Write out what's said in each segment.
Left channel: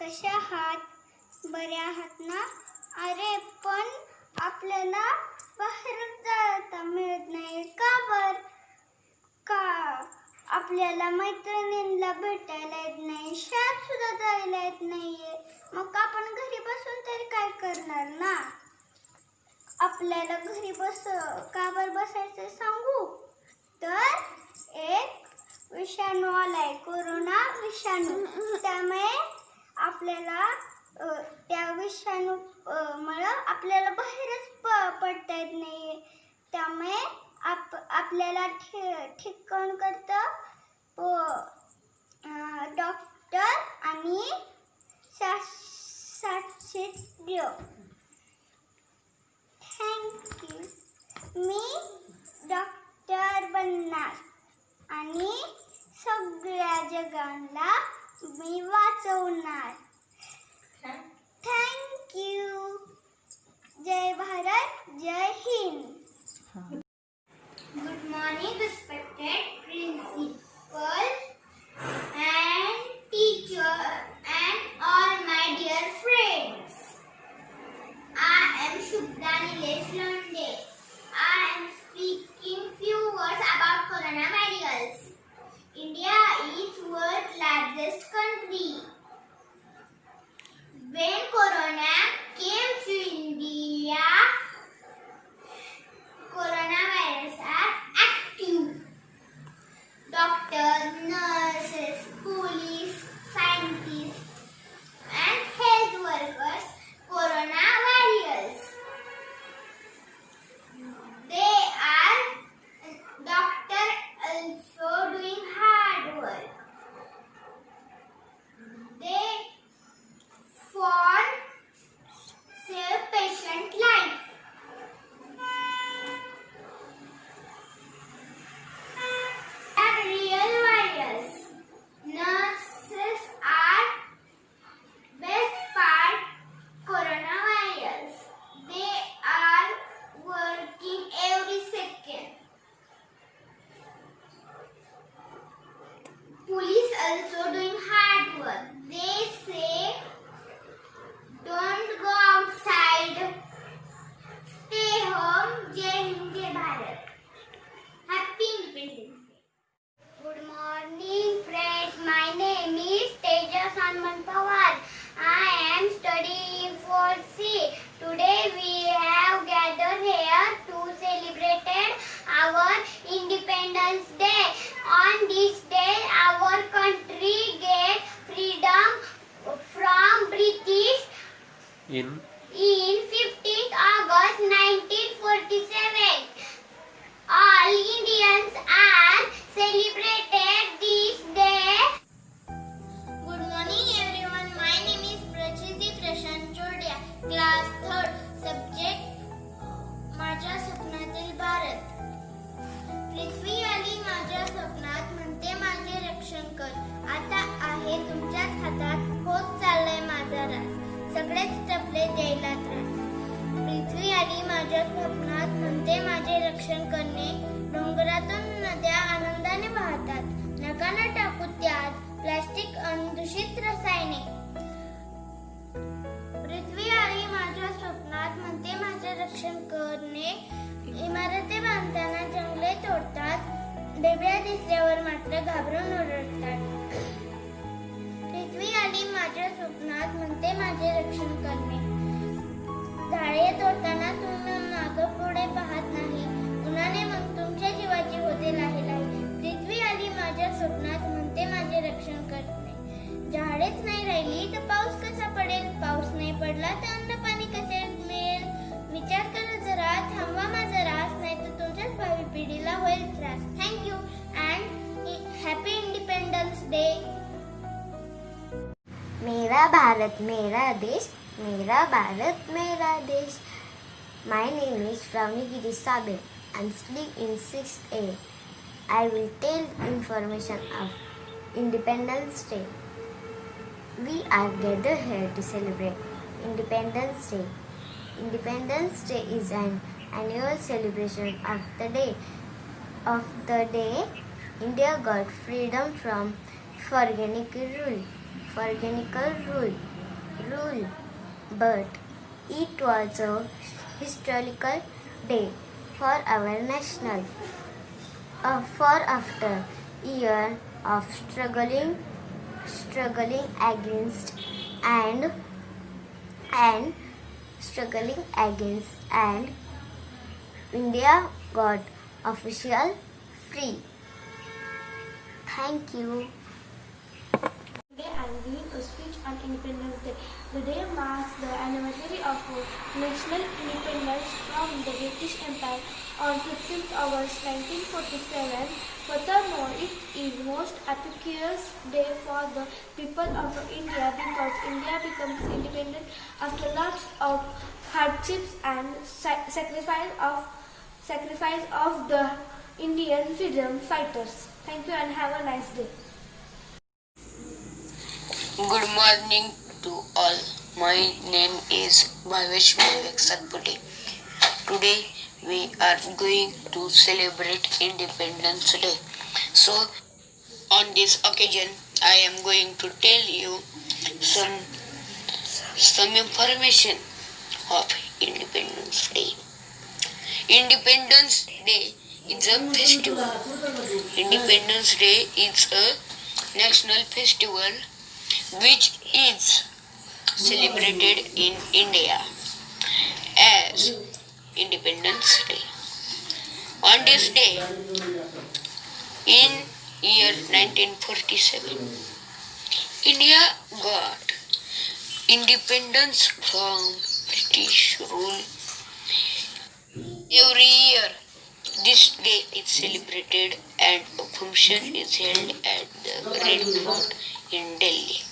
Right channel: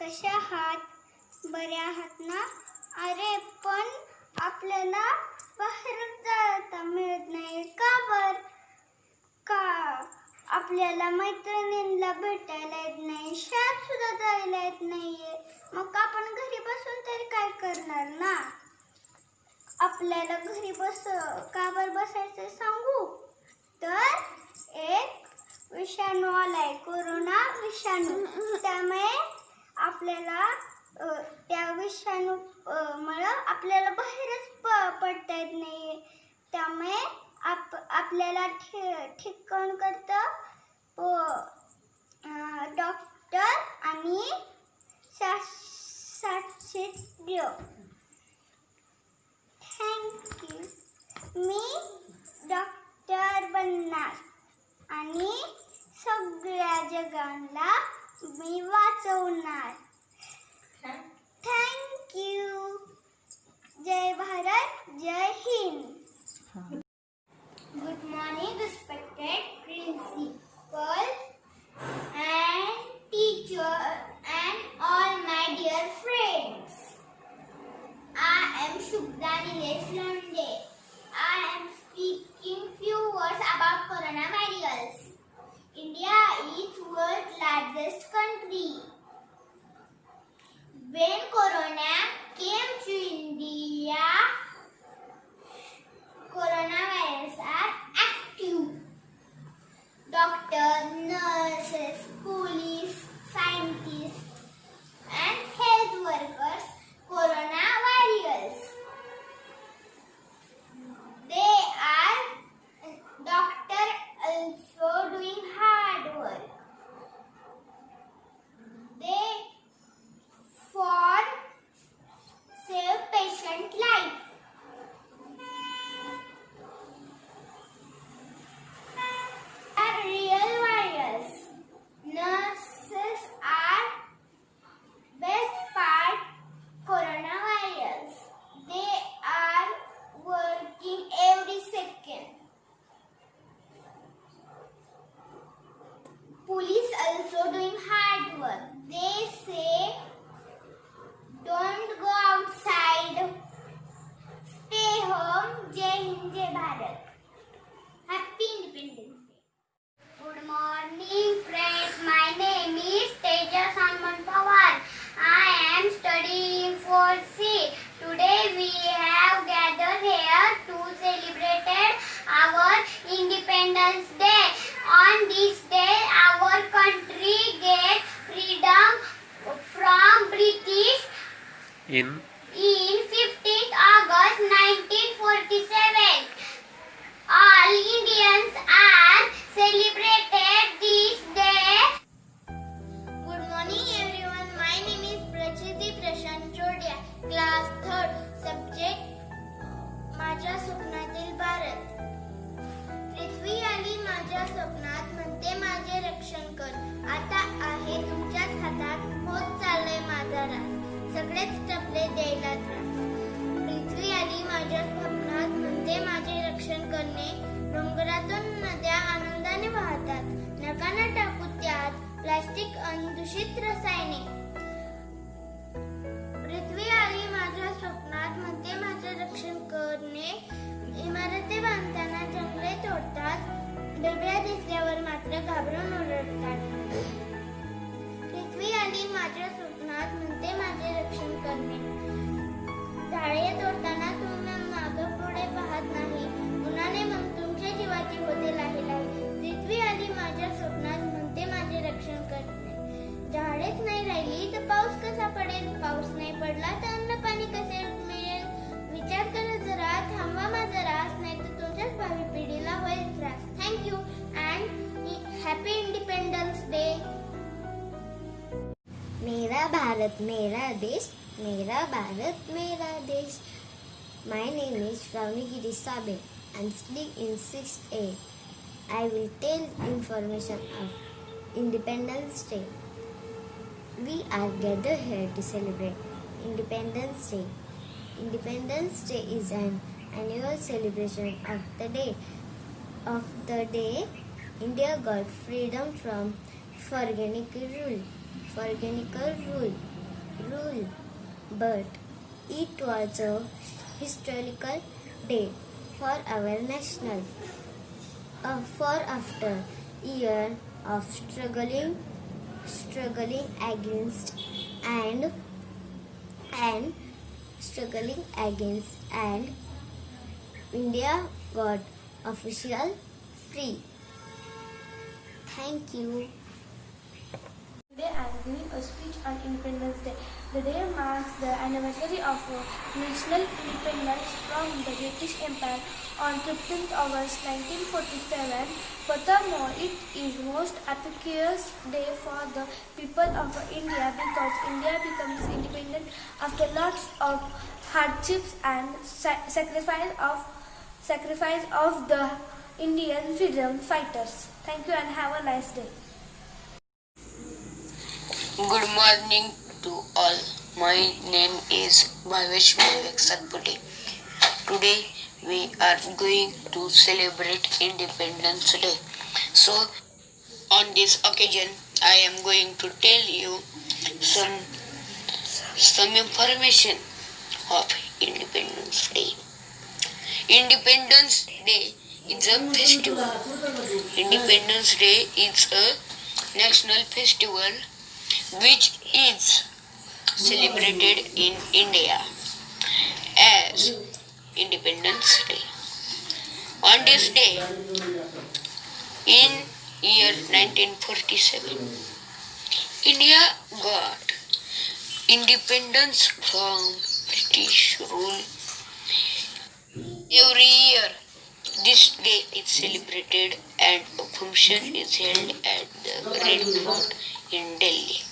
कसे आहात? बरे आहात ना? अरे पण आपल्याला बाहेर जाता मिळत नाही का बर? का आपल्याला मैत्रिणींना भेटायला येत नाही, शाळेत सुद्धा जायला येत नाहीये. मग आपण घरी बसून तरी काय करणार ना? आपल्याला घरी का बर बसायचं सांगू? तर एक विषाणू आलाय, कोरोना विषाणू. त्यामुळे आपल्याला त्या विषाणू मुळे आपल्याला बाहेरच पडता येत नाहीये. त्यामुळे आपल्याला ठीक कोण करतं? डॉक्टर आणि शास्त्रज्ञ. थँक्यू. मी डॉक्टर बनणार आणि सगळ्या जगाला मी वाचवणार. थँक्यू. जय भारत, जय Hind. Good morning, respected principal and teacher and all my dear friends. I am Shubhra Nilesh Londe. I am speaking few words about coronavirus. India is world's largest country. When corona came to India, coronavirus are active. Doctors, nurses, police, scientists, and health workers, corona warriors. They are doctors also doing hard work. They for save patient life. Real warriors. Nurses are best part coronavirus. They are working every second. Police also doing hard work. They say don't go outside. Stay home. Jai Hind, Jai Bharat. Happy Independence Day. Good morning, friends. My name is Tejas Hanuman Pawar. I am studying 4C. Today we have gathered here to celebrate our Independence Day. On this day, our country get freedom from British in 15th August 1947. All Indians are celebrated this day. Good morning everyone. My name is Prachiti Prashant Chodia. Class 3rd. Subject माझ्या स्वप्नातील भारत. पृथ्वी आली माझ्या स्वप्नात, म्हणते माझे रक्षण कर. आता आहे तुमच्याच हातात, होत चाललंय माझा रास. सगळेच टपले द्यायला त्रास. पृथ्वी आली माझ्या स्वप्नात, म्हणते माझे रक्षण करणे. डोंगरातून नद्या आनंदाने वाहतात, नका न टाकू त्यात प्लास्टिक अन दूषित रसायने. पृथ्वी आली माझ्या स्वप्नात, म्हणते माझे रक्षण करणे. इमारती बांधताना जंगले तोडतात, ढेब्या दिसल्यावर मात्र घाबरून ओरडतात. पृथ्वी आली माझ्या स्वप्नात, म्हणते माझे रक्षण करणे. झाडे तोडताना तुम्ही मागं पुढे पाहत नाही, उन्हाने मग तुमच्या जीवाची होते लाहे लाहे. पृथ्वी आली माझ्या स्वप्नात, म्हणते माझे रक्षण करणे. झाडेच नाही राहिली तर पाऊस कसा पडेल? पाऊस नाही पडला तर अन्न पाणी कसे मिळेल? विचार करा जरा, थांबवा माझा रास, नाही तर तुमच्याच भावी पिढीला होईल त्रास. Thank you and happy independence day. मेरा भारत मेरा देश, मेरा भारत मेरा देश. My name is Pravnigiri Sabe. I'm studying in 6th A. I will tell information of Independence Day. We are gathered here to celebrate Independence Day. Independence Day is an annual celebration of the day India got freedom from tyrannical rule. rule. But it was a historical day for our national. For after year of struggling against and struggling against and India got official free. Thank you. Today I am giving a speech on Independence Day. The day marks the anniversary of national independence from the British Empire on 15th August 1947. Furthermore, it is most auspicious day for the people of India because India becomes independent after lots of hardships and sacrifice of the Indian freedom fighters. Thank you and have a nice day. Good morning to all. My name is Bhavesh Vivek Satpute. Today we are going to celebrate Independence Day. So on this occasion I am going to tell you some information of Independence Day. Independence Day is a festival. Independence Day is a national festival which is celebrated in India as Independence Day. On this day, in year 1947, India got independence from British rule. Every year, this day is celebrated and a function is held at the Red Fort in Delhi.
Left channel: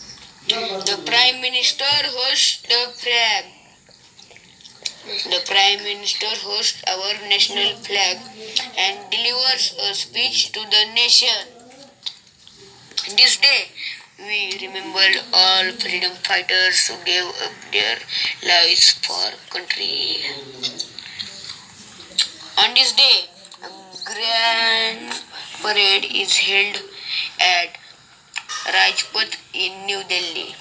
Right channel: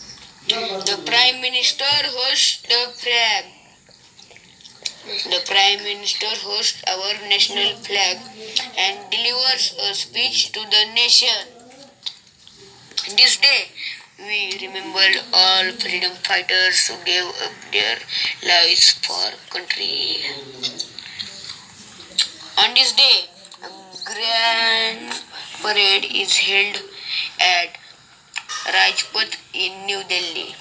The Prime Minister hosts the flag. The Prime Minister hosts our national flag and delivers a speech to the nation. This day, we remember all freedom fighters who gave up their lives for country. On this day, a grand parade is held at Rajpath in New Delhi.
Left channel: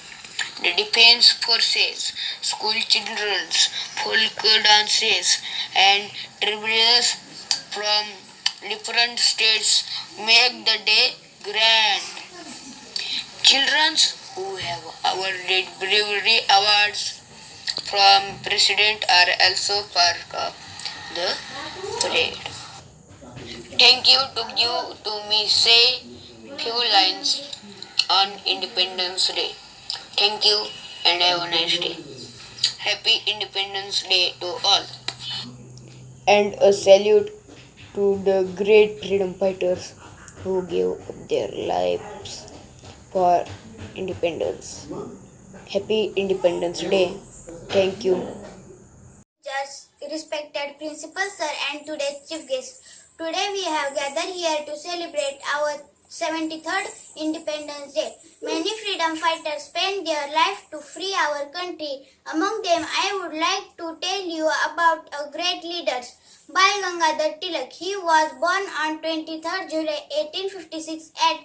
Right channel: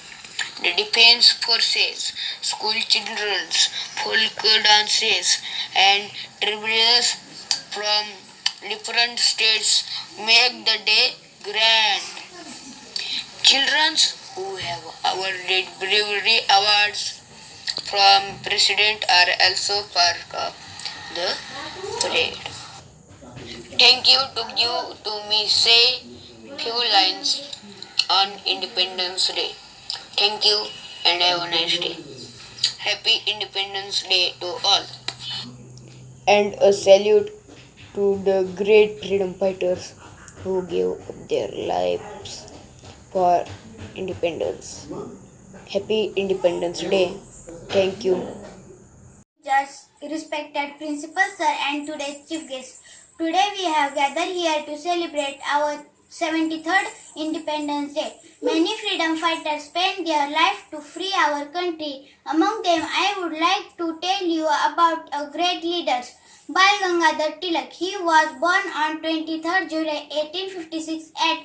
The defense forces, school children, folk dances and tributes from different states make the day grand. Children who have awarded bravery awards from President are also part of the parade. Thank you to me say few lines on Independence Day. Thank you and have a nice day. Happy Independence Day to all. And a salute to the great freedom fighters who gave up their lives for independence. Happy Independence Day. Thank you. Just respected principal sir and today's chief guest. Today we have gathered here to celebrate our 73rd Independence Day. Many freedom fighters spent their life to free our country. Among them, I would like to tell you about a great leader, Bal Gangadhar Tilak. He was born on 23rd July 1856 at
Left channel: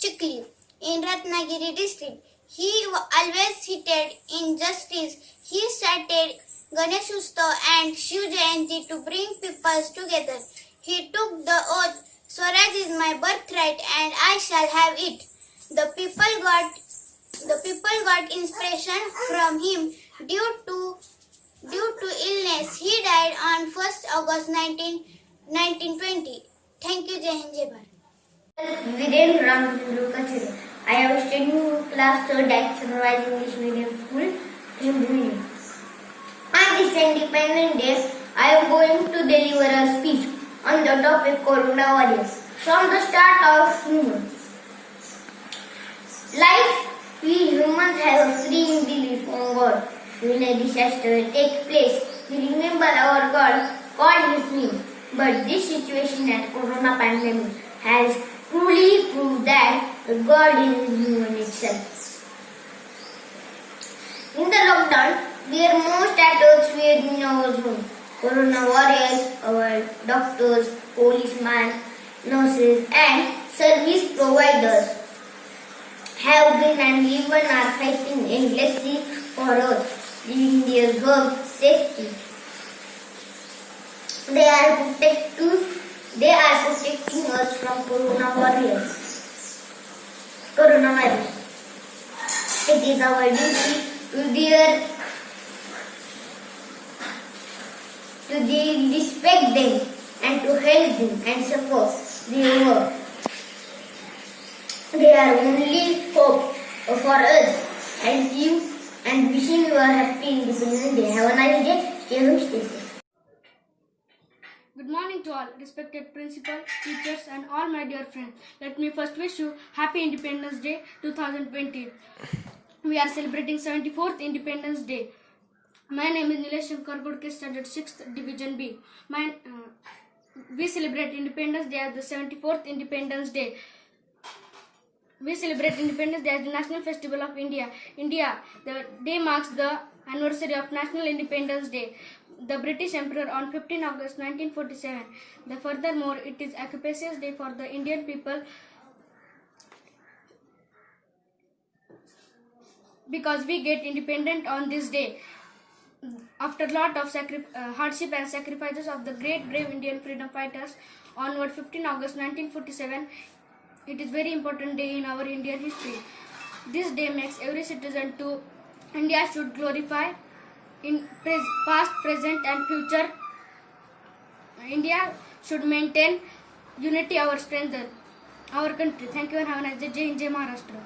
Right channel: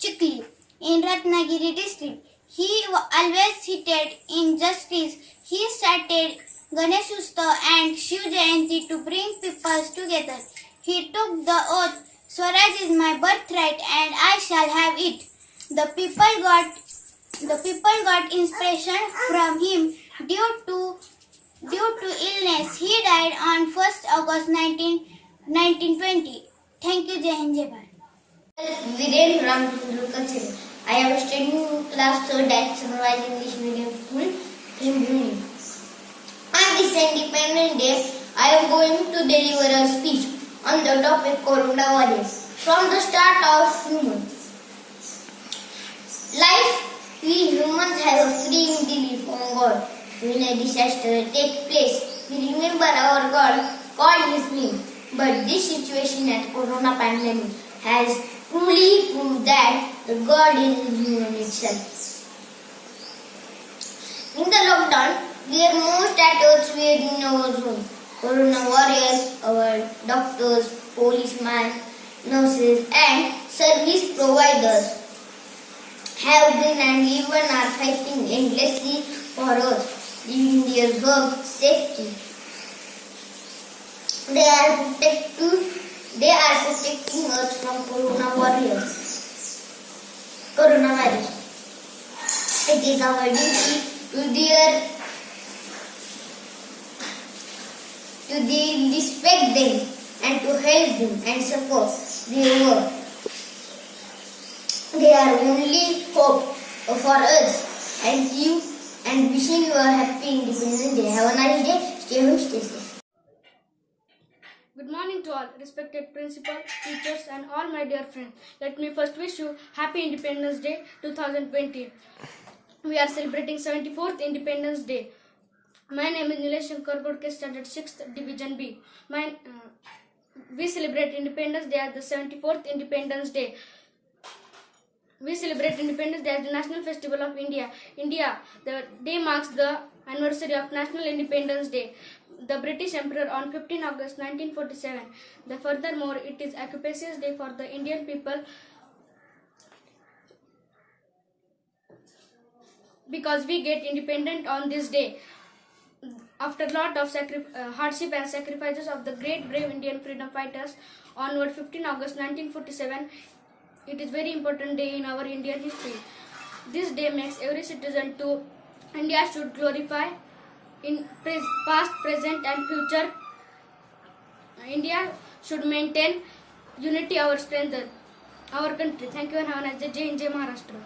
Chikli in Ratnagiri district. He always hated injustice. He started Ganesh Utsav and Shiv Jayanti to bring people together. He took the oath, Swaraj is my birthright and I shall have it. The people got inspiration from him due to illness. He died on 1st August 1920. Thank you, Jai Hind, Jai Bharat. Viren Ramchandra Kachira. I am studying in class 3rd at Sunrise English Medium School in Bhundi. On this Independence Day, I am going to deliver a speech on the topic coronavirus. From the start of human life, we humans have a free belief on God. When a disaster takes place, we remember our God, call His name. But this situation at Corona pandemic has truly proved that the God is in human itself. In the lockdown, we are most at earth were in our home. Corona warriors, our doctors, policemen, nurses and service providers have been and even are fighting endlessly for us, giving their hug safety. They are protecting us from coronavirus. It is our duty to respect them and to help them and support their work. They are only hope for us. Thank you and wishing you a happy Independence Day. Have a nice day. Stay home, stay safe. Good morning to all, respected principal, teachers and all my dear friends. Let me first wish you Happy Independence Day 2020. We are celebrating 74th Independence Day. My name is Nilesh Shankar Godke, Standard 6th Division B. We celebrate Independence Day as the 74th Independence Day. We celebrate Independence Day as the National Festival of India. The day marks the anniversary of National Independence Day. The British Emperor on 15 August 1947. Furthermore, it is Auspicious Day for the Indian people because we get independent on this day. After a lot of hardship and sacrifices of the great brave Indian freedom fighters on 15 August 1947, it is very important day in our Indian history. This day makes every citizen to India should glorify in past, present and future. India should maintain unity, our strength, our country. Thank you and have a nice day. Jai Hind, Jai Maharashtra.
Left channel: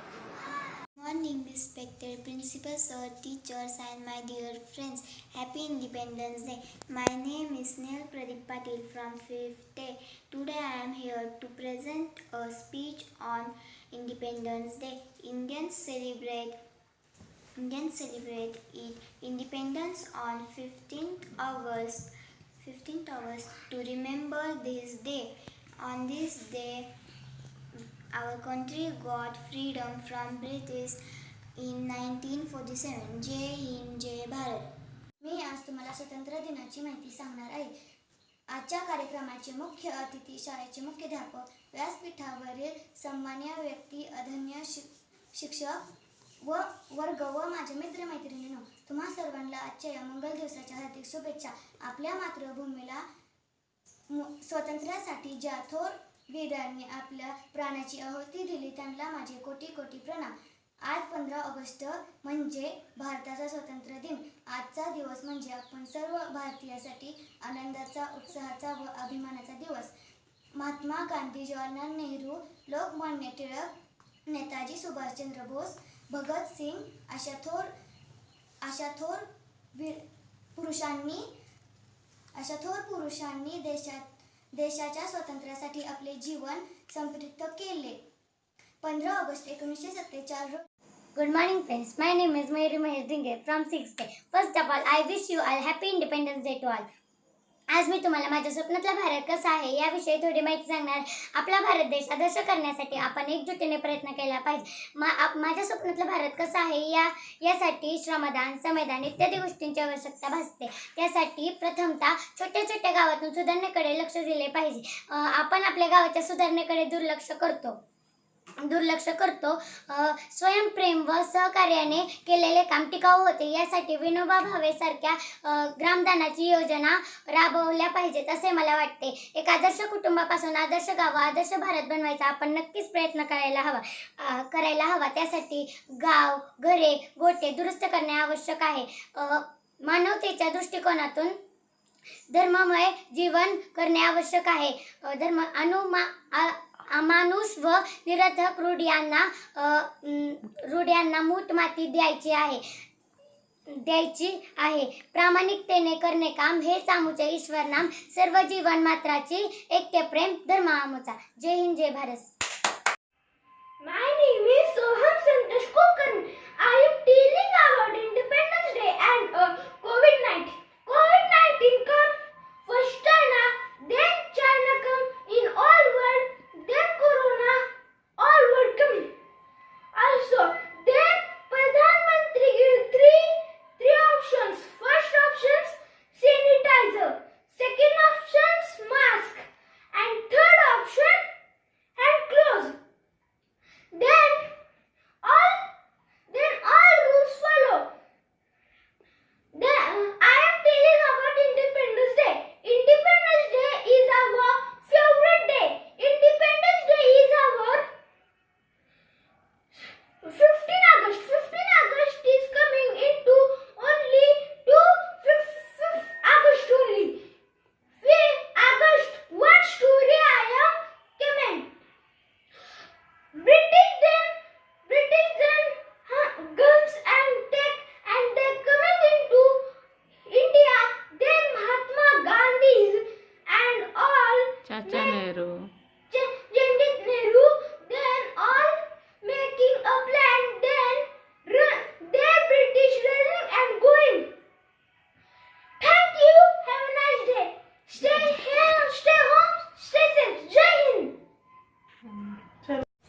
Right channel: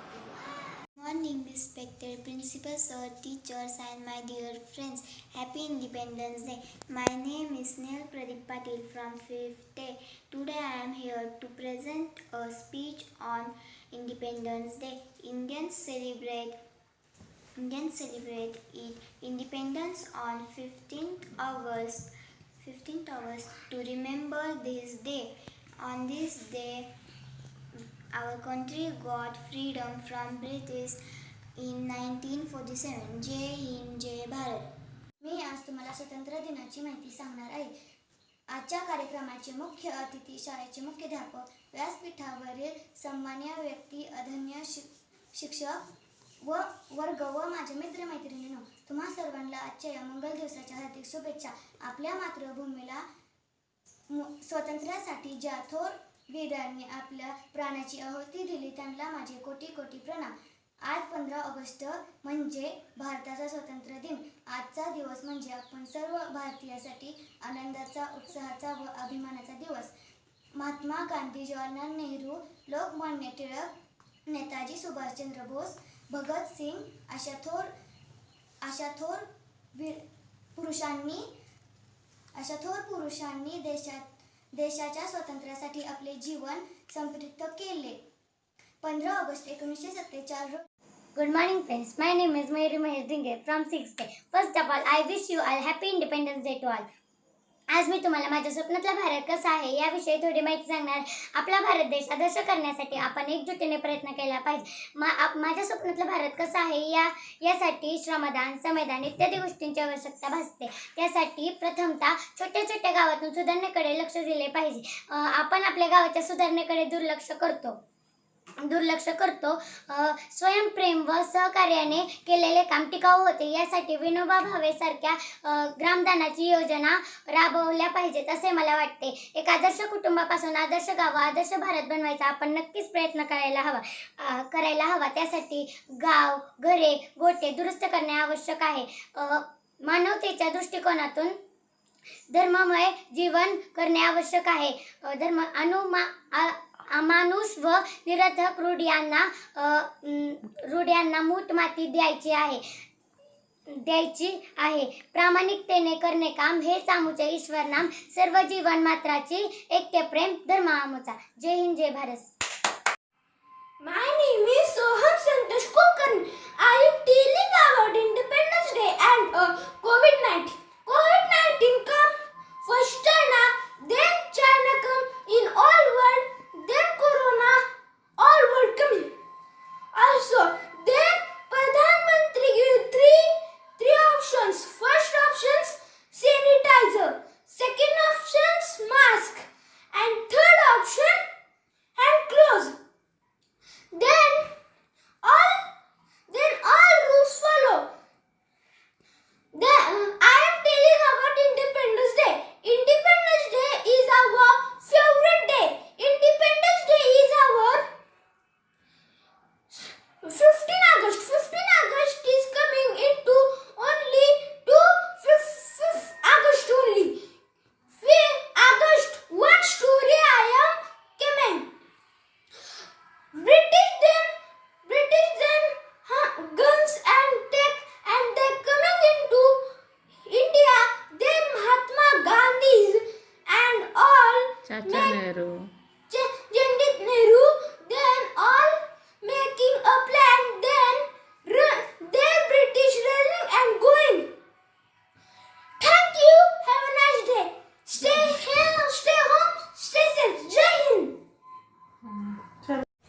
Morning, respected principal, sir, teachers and my dear friends. Happy Independence Day. My name is Snehal Pradeep Patil from 5th day. Today I am here to present a speech on Independence Day. Indians celebrate independence on 15th August to remember this day. On this day, our country got freedom from British in 1947. जय हिंद, जय भारत. मी आज तुम्हाला स्वातंत्र्य दिनाची माहिती सांगणार आहे. आजच्या कार्यक्रमाचे मुख्य अतिथी शाळेचे मुख्याध्यापक, व्यासपीठावरील सन्माननीय व्यक्ती, आदरणीय शिक्षक व वर्ग व माझे मित्रमैत्रिणींनो, तुम्हा सर्वांना आजच्या या मंगल दिवसाच्या हार्दिक शुभेच्छा. आपल्या मातृभूमीला स्वातंत्र्यासाठी ज्या थोर वीरांनी आपल्या प्राणाची आहुती दिली त्यांना माझे कोटी कोटी प्रणाम. आज 15 ऑगस्ट म्हणजे भारताचा स्वातंत्र्य दिन. आजचा दिवस म्हणजे आपण सर्व भारतीयांसाठी आनंदाचा, उत्साहाचा व अभिमानाचा दिवस. महात्मा गांधी, जवाहरलाल नेहरू, लोकमान्य टिळक, नेताजी सुभाषचंद्र बोस, भगत सिंग अशा थोर पुरुषांनी देशाच्या स्वातंत्र्यासाठी आपले जीवन समर्पित केले. 15 ऑगस्ट 1947 रोजी. Good morning friends, my name is Mayuri Mahesh Dhinge from 6th day. First of all, I wish you all happy Independence Day to all. आज मी तुम्हाला माझ्या स्वप्नातला भारत कसा आहे याविषयी थोडी माहिती सांगणार. आपला भारत देश आदर्श करण्यासाठी आपण एकजुटीने प्रयत्न केला पाहिजे. माझ्या स्वप्नातला भारत कसा आहे यासाठी श्रमदान, संविधान इत्यादी गोष्टींची आवश्यकता भासते. त्यासाठी प्रथमतः छोट्या छोट्या गावातून सुधारणेकडे लक्ष दिले पाहिजे. आपण आपल्या गावाच्या सुधारणेकडे दुर्लक्ष करतो. स्वयंप्रेम व सहकार्याने केलेले काम टिकाऊ होते. यासाठी विनोबा भावे सारख्या ग्रामदानाची योजना राबवल्या पाहिजेत असे मला वाटते. एक आदर्श कुटुंबापासून आदर्श गाव, आदर्श भारत बनवायचा आपण नक्कीच प्रयत्न करायला हवा. त्यासाठी गाव, घरे, गोटे दुरुस्त करणे आवश्यक आहे. मानवतेच्या दृष्टिकोनातून धर्ममय जीवन करणे आवश्यक आहे. अमानुष व निरर्थक रूढ्यांना मूठ माती द्यायची आहे. प्रामाणिकतेने करणे काम हे सामूचे ईश्वर नाम. सर्व जीवन मात्राची ऐक्य प्रेम धर्म आमचा. जय हिंद, जय Bharat. My name is Soham Santosh Kulkarni. I am telling about Independence Day and COVID-19. COVID-19 come first China, then China come in all world, then Corona, all world coming. Also, then Pradhan Mantri give three options. First options sanitizer, second options mask, and third option hand gloves. Then all rules follow.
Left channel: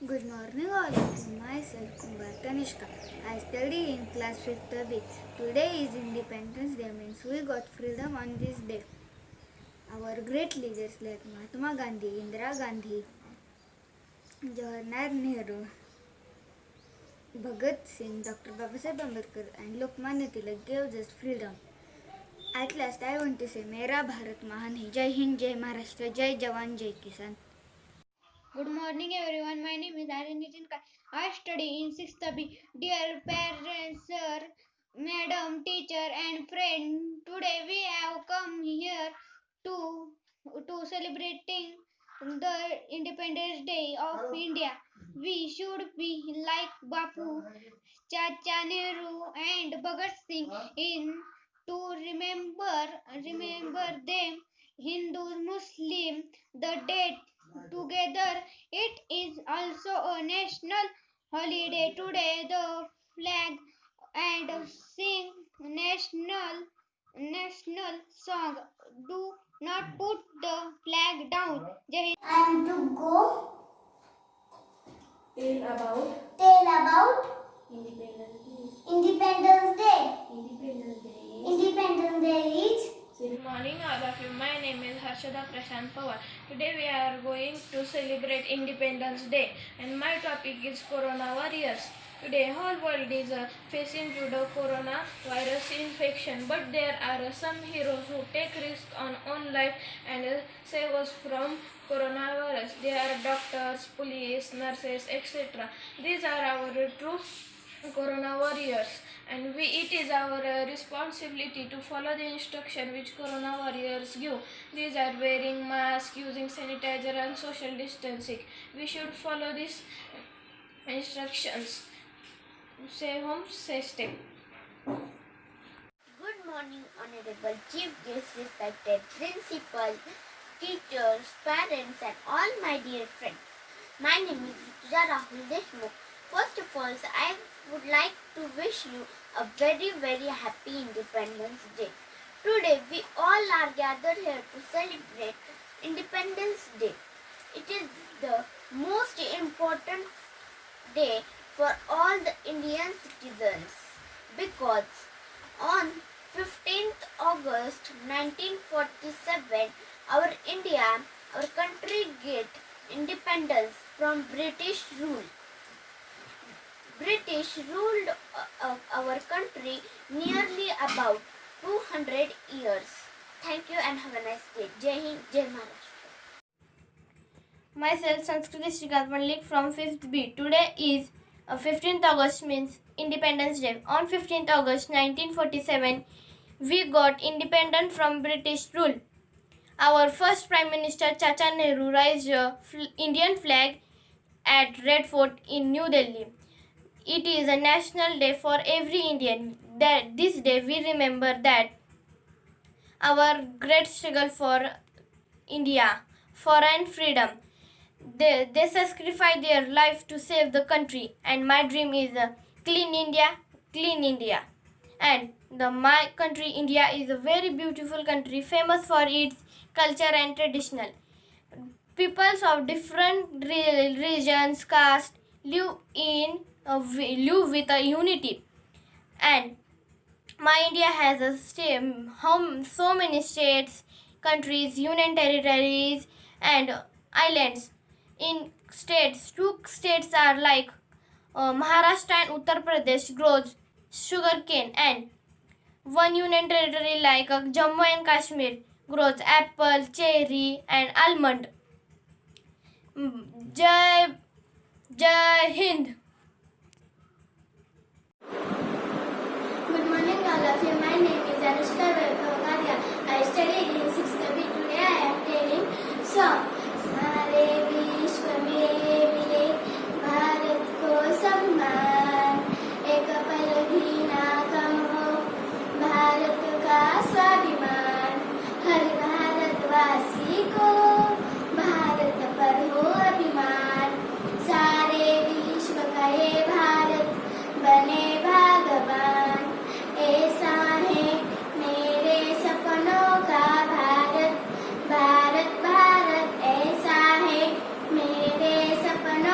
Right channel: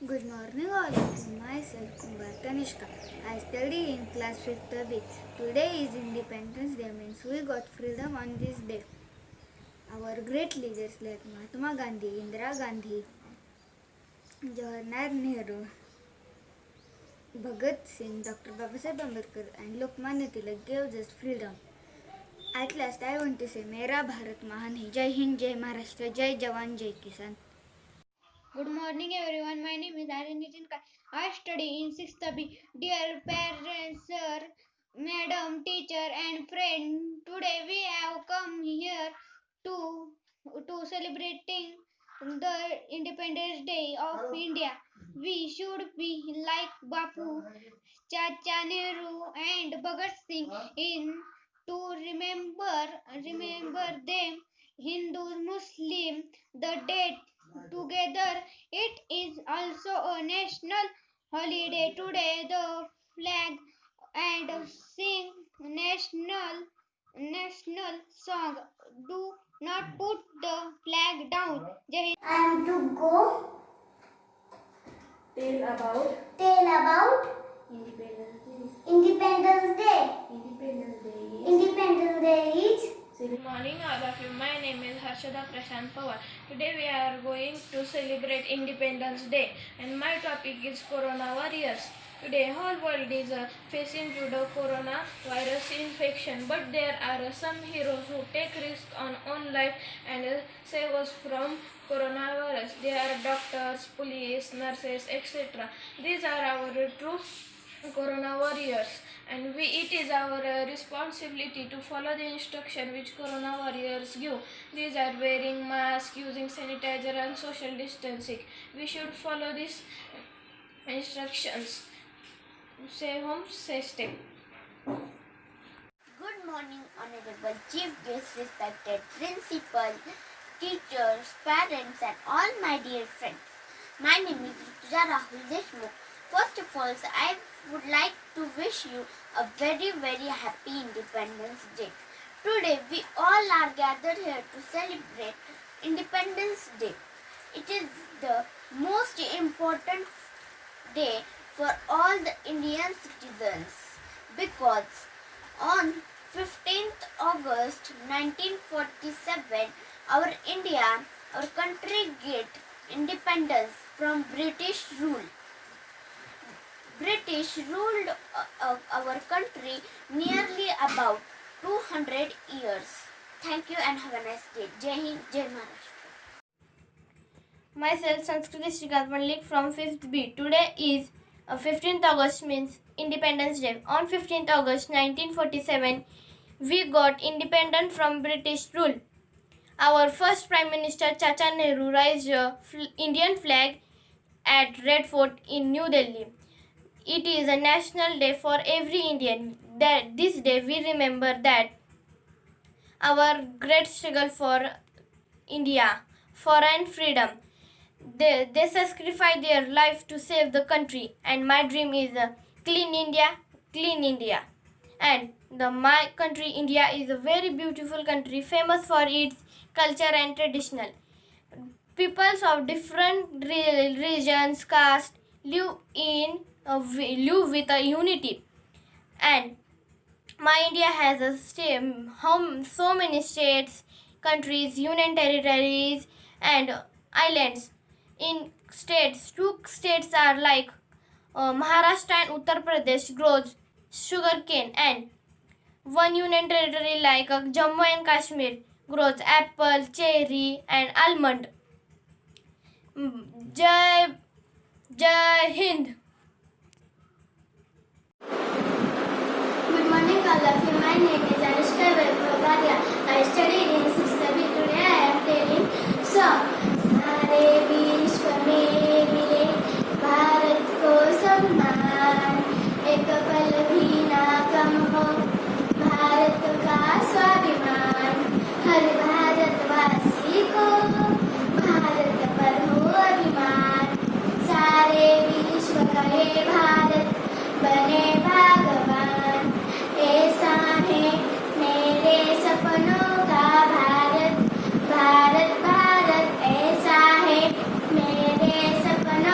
Good morning all. Myself Kumbar Tanishka. I study in class 5th B. Today is Independence Day, means we got freedom on this day. Our great leaders like Mahatma Gandhi, Indira Gandhi, Jawaharlal Nehru, Bhagat Singh, Dr. Babasaheb Ambedkar and Lokmanya Tilak gave us freedom. At last I want to say Mera Bharat Mahan hai. Jai Hind, Jai Maharashtra, Jai Jawan, Jai Kisan. Good morning everyone. My name is Aryan Nitin Kai. I study in 6th B. Dear parents, sir, madam, teacher and friend, today we have come here to celebrating the Independence Day of India. We should be like Bapu, Chacha Nehru and Bhagat Singh in to remember them. Hindus, Muslim, the date together. It is also a national holiday today. The flag and sing national song. Do not put the flag down. Jai Hind. I am to go Tell about tell about Independence Day. Independence Day. Independence Day. Independence Day is Good morning all of you. My name is Harshada Prashant Pawar. Today we are going to celebrate Independence Day and my topic is Corona Warriors. Today whole world is facing to the coronavirus infection, but there are some heroes who take risk on own life and save us from coronavirus. They are doctors, police, nurses, etc. These are our true corona warriors, and it is our responsibility to follow the instruction which corona warriors give. These are wearing mask, using sanitizer and social distancing. We should follow these instructions. Stay home, stay safe. Good morning, Honorable Chief Guest, respected principal, teachers, parents, and all my dear friends. My name is Rituja Rahul Deshmukh. First of all, I would like to wish you a very, very happy Independence Day. Today, we all are gathered here to celebrate Independence Day. It is the most important day for all the Indian citizens because on 15th August 1947, our country get independence from British rule. British ruled our country nearly about 200 years. Thank you and have a nice day. Jai Hind, Jai Maharashtra. Myself, Sanskriti Shrikant Malik from 5th B. Today is 15th August, means Independence Day. On 15th August 1947, we got independent from British rule. Our first Prime Minister Chacha Nehru raised a Indian flag at Red Fort in New Delhi. It is a national day for every Indian. That this day we remember that our great struggle for India, foreign freedom. They sacrifice their life to save the country, and my dream is a clean India, clean India. And my country India is a very beautiful country, famous for its culture and traditional. Peoples of different religions, caste live with a unity, and my India has so many states, countries, union territories, and islands. In states, two states are like Maharashtra and Uttar Pradesh grows sugarcane, and one union territory like Jammu and Kashmir grows apple, cherry, and almond. Jai Hind. Good morning, all of you. My name is Anushka Vaibhavaria. I study in 6th B. Today I am telling song. सारे विश्व में मिले भारत को सम्मान, एक पल भी ना कम हो भारत का स्वाभिमान, हर भारतवासी को भारत पर हो अभिमान, सारे विश्व का ये भारत बने भगवान, ऐसा है मेरे सपनों का भारत, भारत भारत ऐसा है मेरे सपनों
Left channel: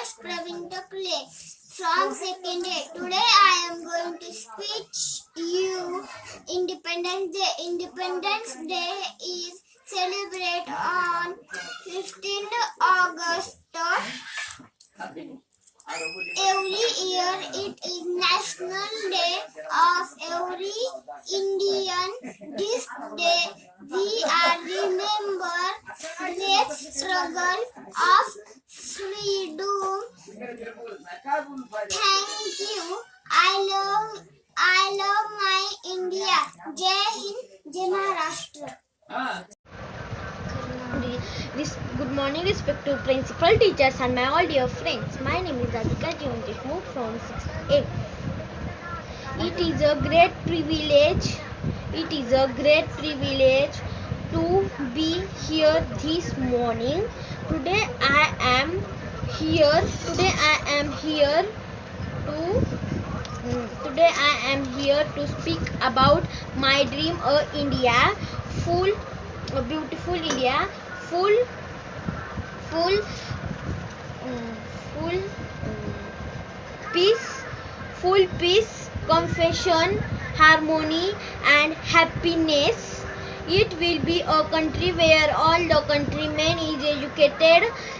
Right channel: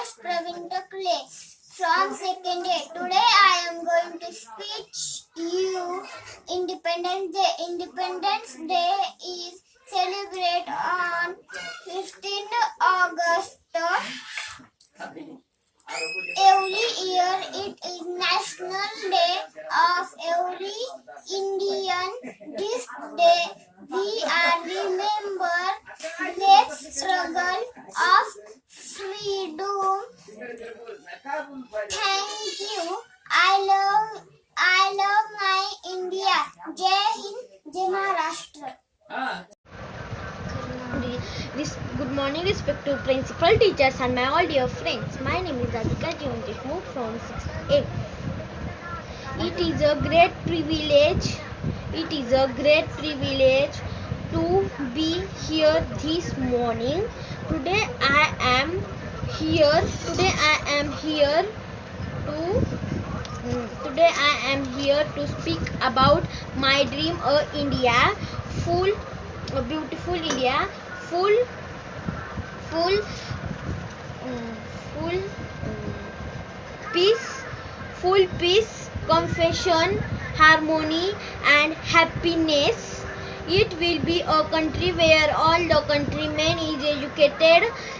is Praveen Takle from second A. Today I am going to speak you Independence Day. Independence Day is celebrated on 15th August. Every year it is National Day of every Indian. This day we are remember great struggle of freedom. Thank you. I love my India. Jai Hind, Jai Maharashtra. Good morning, respected principal, teachers, and my all dear friends. My name is Radhika Jeevan Deshmukh from 6th A. It is a great privilege. It is a great privilege to be here this morning. Today I am here. Today I am here to speak about my dream, India, a beautiful India, full peace, compassion, harmony, and happiness. It will be a country where all the countrymen is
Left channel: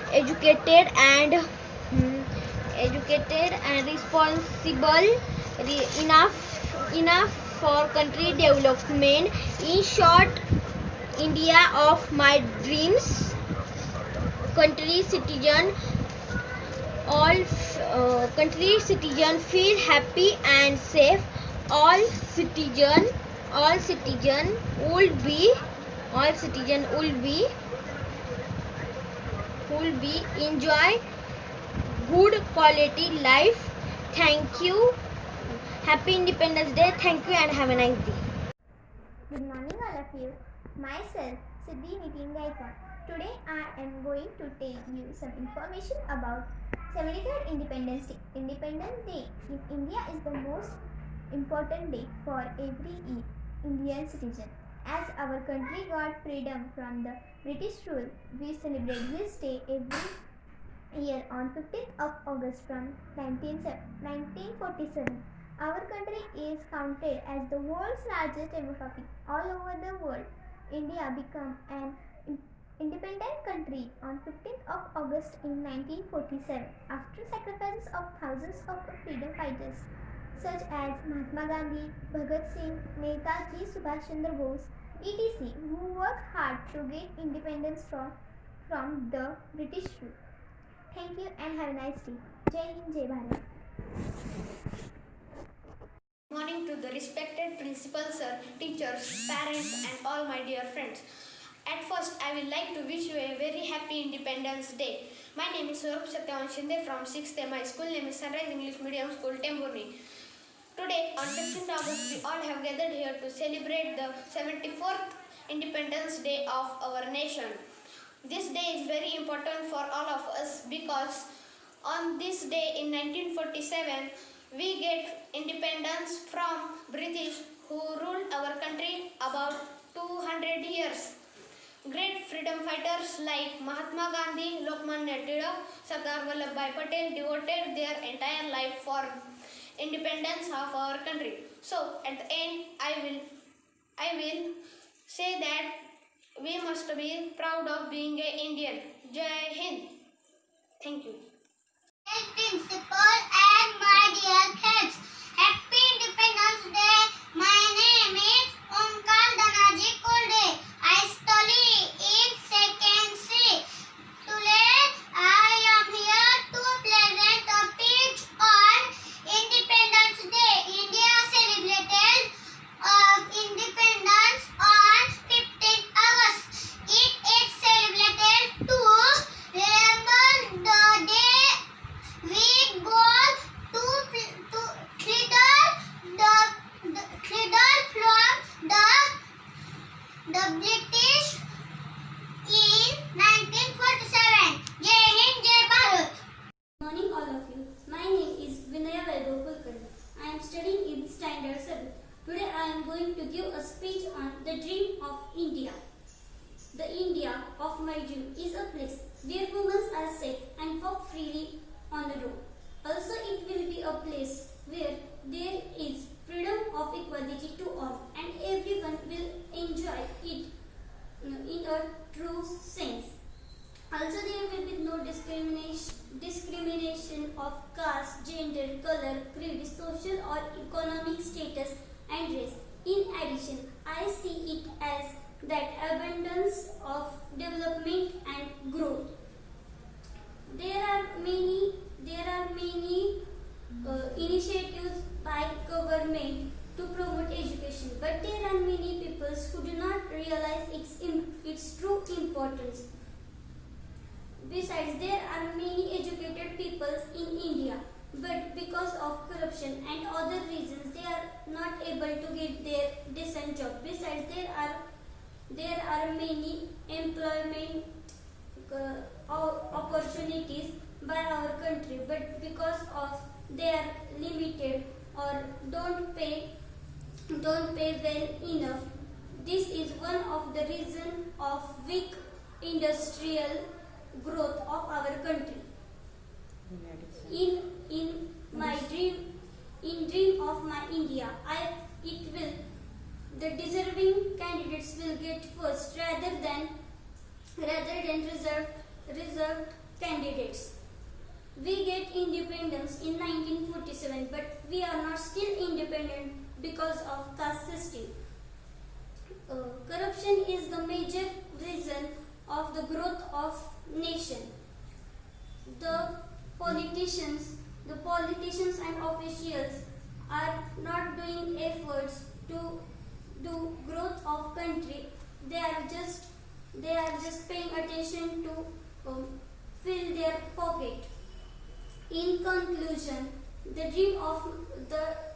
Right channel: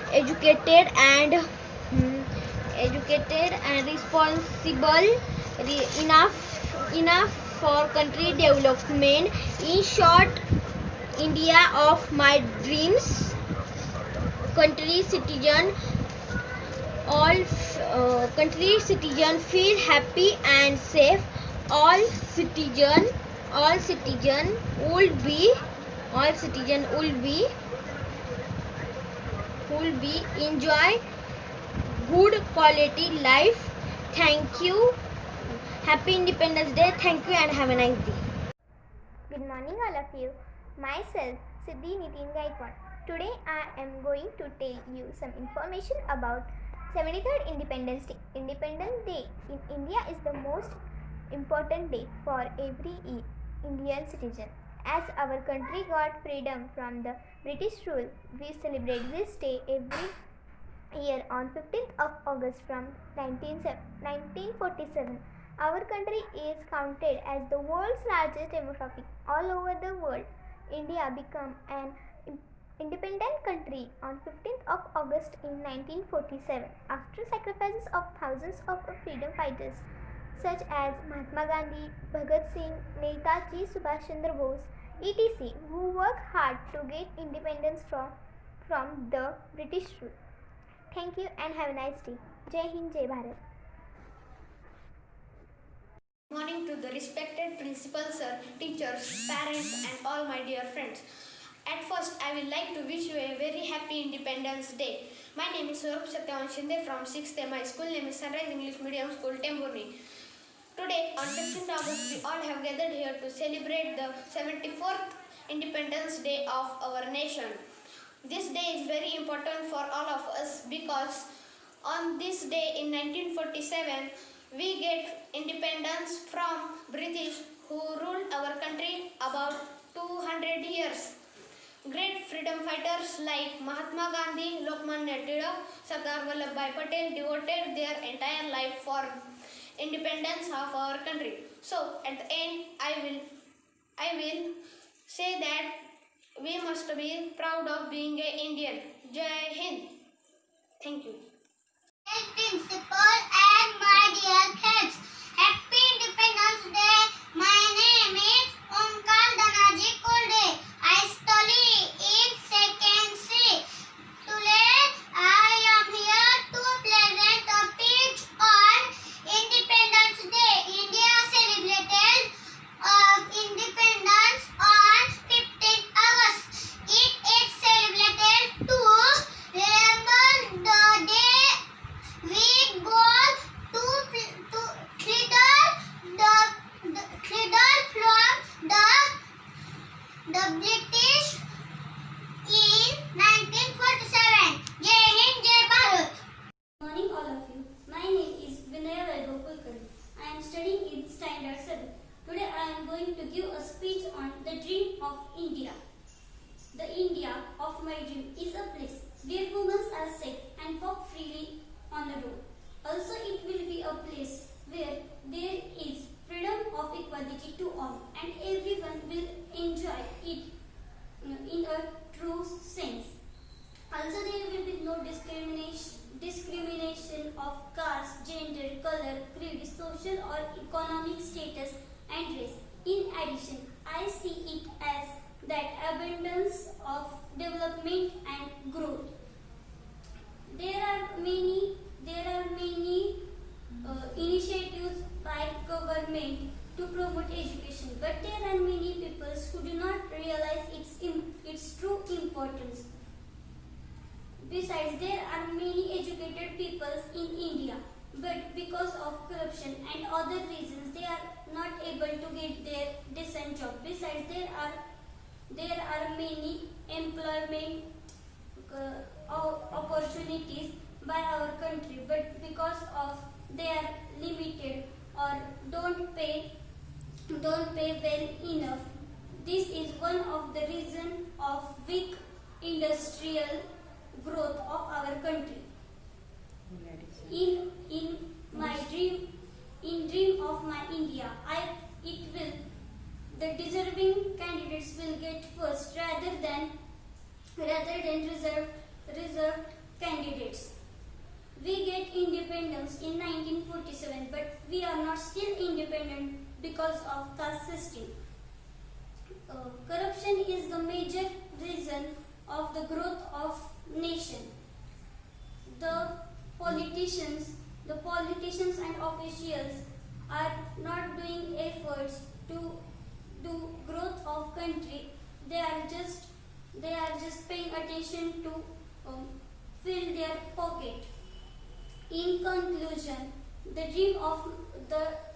educated and responsible enough for country development. In short, India of my dreams. Country citizen feel happy and safe. All citizen will be enjoy good quality life. Thank you. Happy Independence Day. Thank you and have a nice day. Good morning, all of you. Myself, Siddhi Nitin Gaikwad. Today, I am going to tell you some information about 73rd Independence Day. Independence Day in India is the most important day for every Indian citizen. As our country got freedom from the British rule, we celebrate this day every year on 15th of August from 1947. Our country is counted as the world's largest demographic. All over the world, India became an independent country on 15th of August in 1947 after sacrifices of thousands of freedom fighters such as Mahatma Gandhi, Bhagat Singh, Netaji Subhash Chandra Bose, etc., who worked hard to get independence from the British rule. Thank you and have a nice day. Jai Hind, Jai Bharat. Morning to the respected principal sir, teachers, parents and all my dear friends. At first, I would like to wish you a very happy Independence Day. My name is Swarup Satyavan Shinde from 6th A. My school name is Sunrise English Medium School, Temburni. Today, on 15th August, we all have gathered here to celebrate the 74th Independence Day of our nation. This day is very important for all of us because on this day in 1947, we get independence from British who ruled our country about 200 years. Great freedom fighters like Mahatma Gandhi, Lokmanya Tilak, Sardar Vallabhbhai Patel devoted their entire life for independence of our country. So at the end, I will say that we must be proud of being an Indian. Jai Hind. Thank you. Principal and my dear friends, Happy Independence Day. My name is Omkar Danaji Kolde. I study in second C. Today I am here to present a speech on Independence Day. India celebrated independence on 15th August. It is celebrated to remember the day we got to from the British in 1947. Jai Hind, Jai Bharat. Good morning, all of you. My name is Vinaya Vaibhav Kulkarni. I am studying in Standard 7. Today I am going to give a speech on the dream of India. The India of my dream is a place where women are safe and walk freely on the road. Also, it will be a place where there is freedom of equality to all and everyone will enjoy it in a true sense. Also, there will be no discrimination of caste, gender, color, creed, social or economic status and race. In addition, I see it as that abundance of development and growth. There are many initiatives by government to promote education, but there are many people who do not realize its true importance. Besides, there are many educated people in India, but because of corruption and other reasons, they are not able to get their decent job. Besides, there are many employment opportunities by our country, but because of they are limited or don't pay well enough. This is one of the reasons of weak industrial growth of our country. In my dream of my India, the deserving candidates will get first rather than reserved candidates. We get independence in 1947, but we are not still independent because of caste system. Corruption is the major reason of the growth of nation. The politicians and officials are not doing efforts to do growth of country. They are just paying attention to fill their pocket. In conclusion, the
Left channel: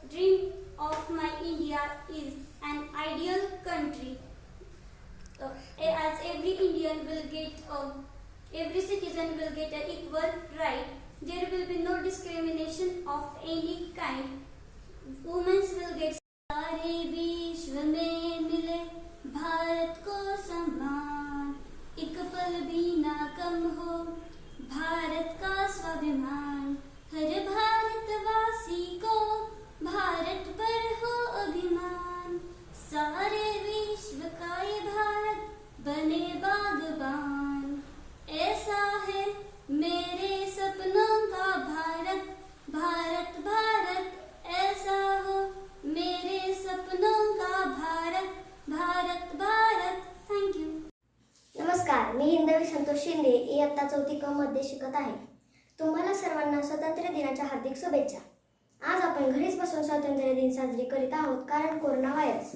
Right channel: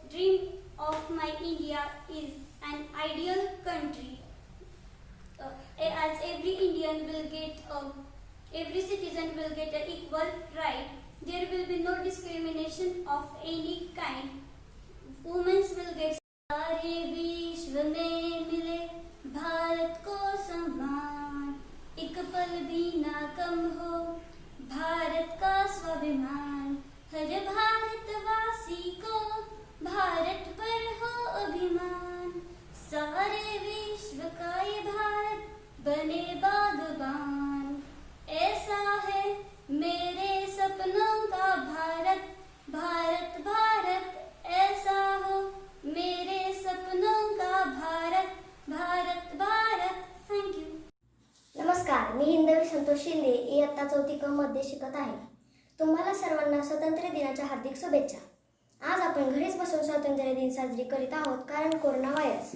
dream of my India is an ideal country. As every citizen will get an equal right. There will be no discrimination of any kind. Women will get सारे विश्व में मिले भारत को सम्मान, एक पल भी ना कम हो भारत का स्वाभिमान। हर भारतवासी को भारत पर हो अभिमान, सारे विश्व का ये भारत बने बागबान। ऐसा है मेरे सपनों का भारत, भारत भारत ऐसा हो मेरे सपनों का भारत, भारत भारत। थँक्यू। नमस्कार, मी हिंदवी संतोष शिंदे इयत्ता 4थी क मध्ये शिकत आहे। तुम्हाला सर्वांना स्वातंत्र्य दिनाच्या हार्दिक शुभेच्छा। आज आपण घरीच बसून स्वातंत्र्य दिन साजरी करीत आहोत कारण कोरोना व्हायरस।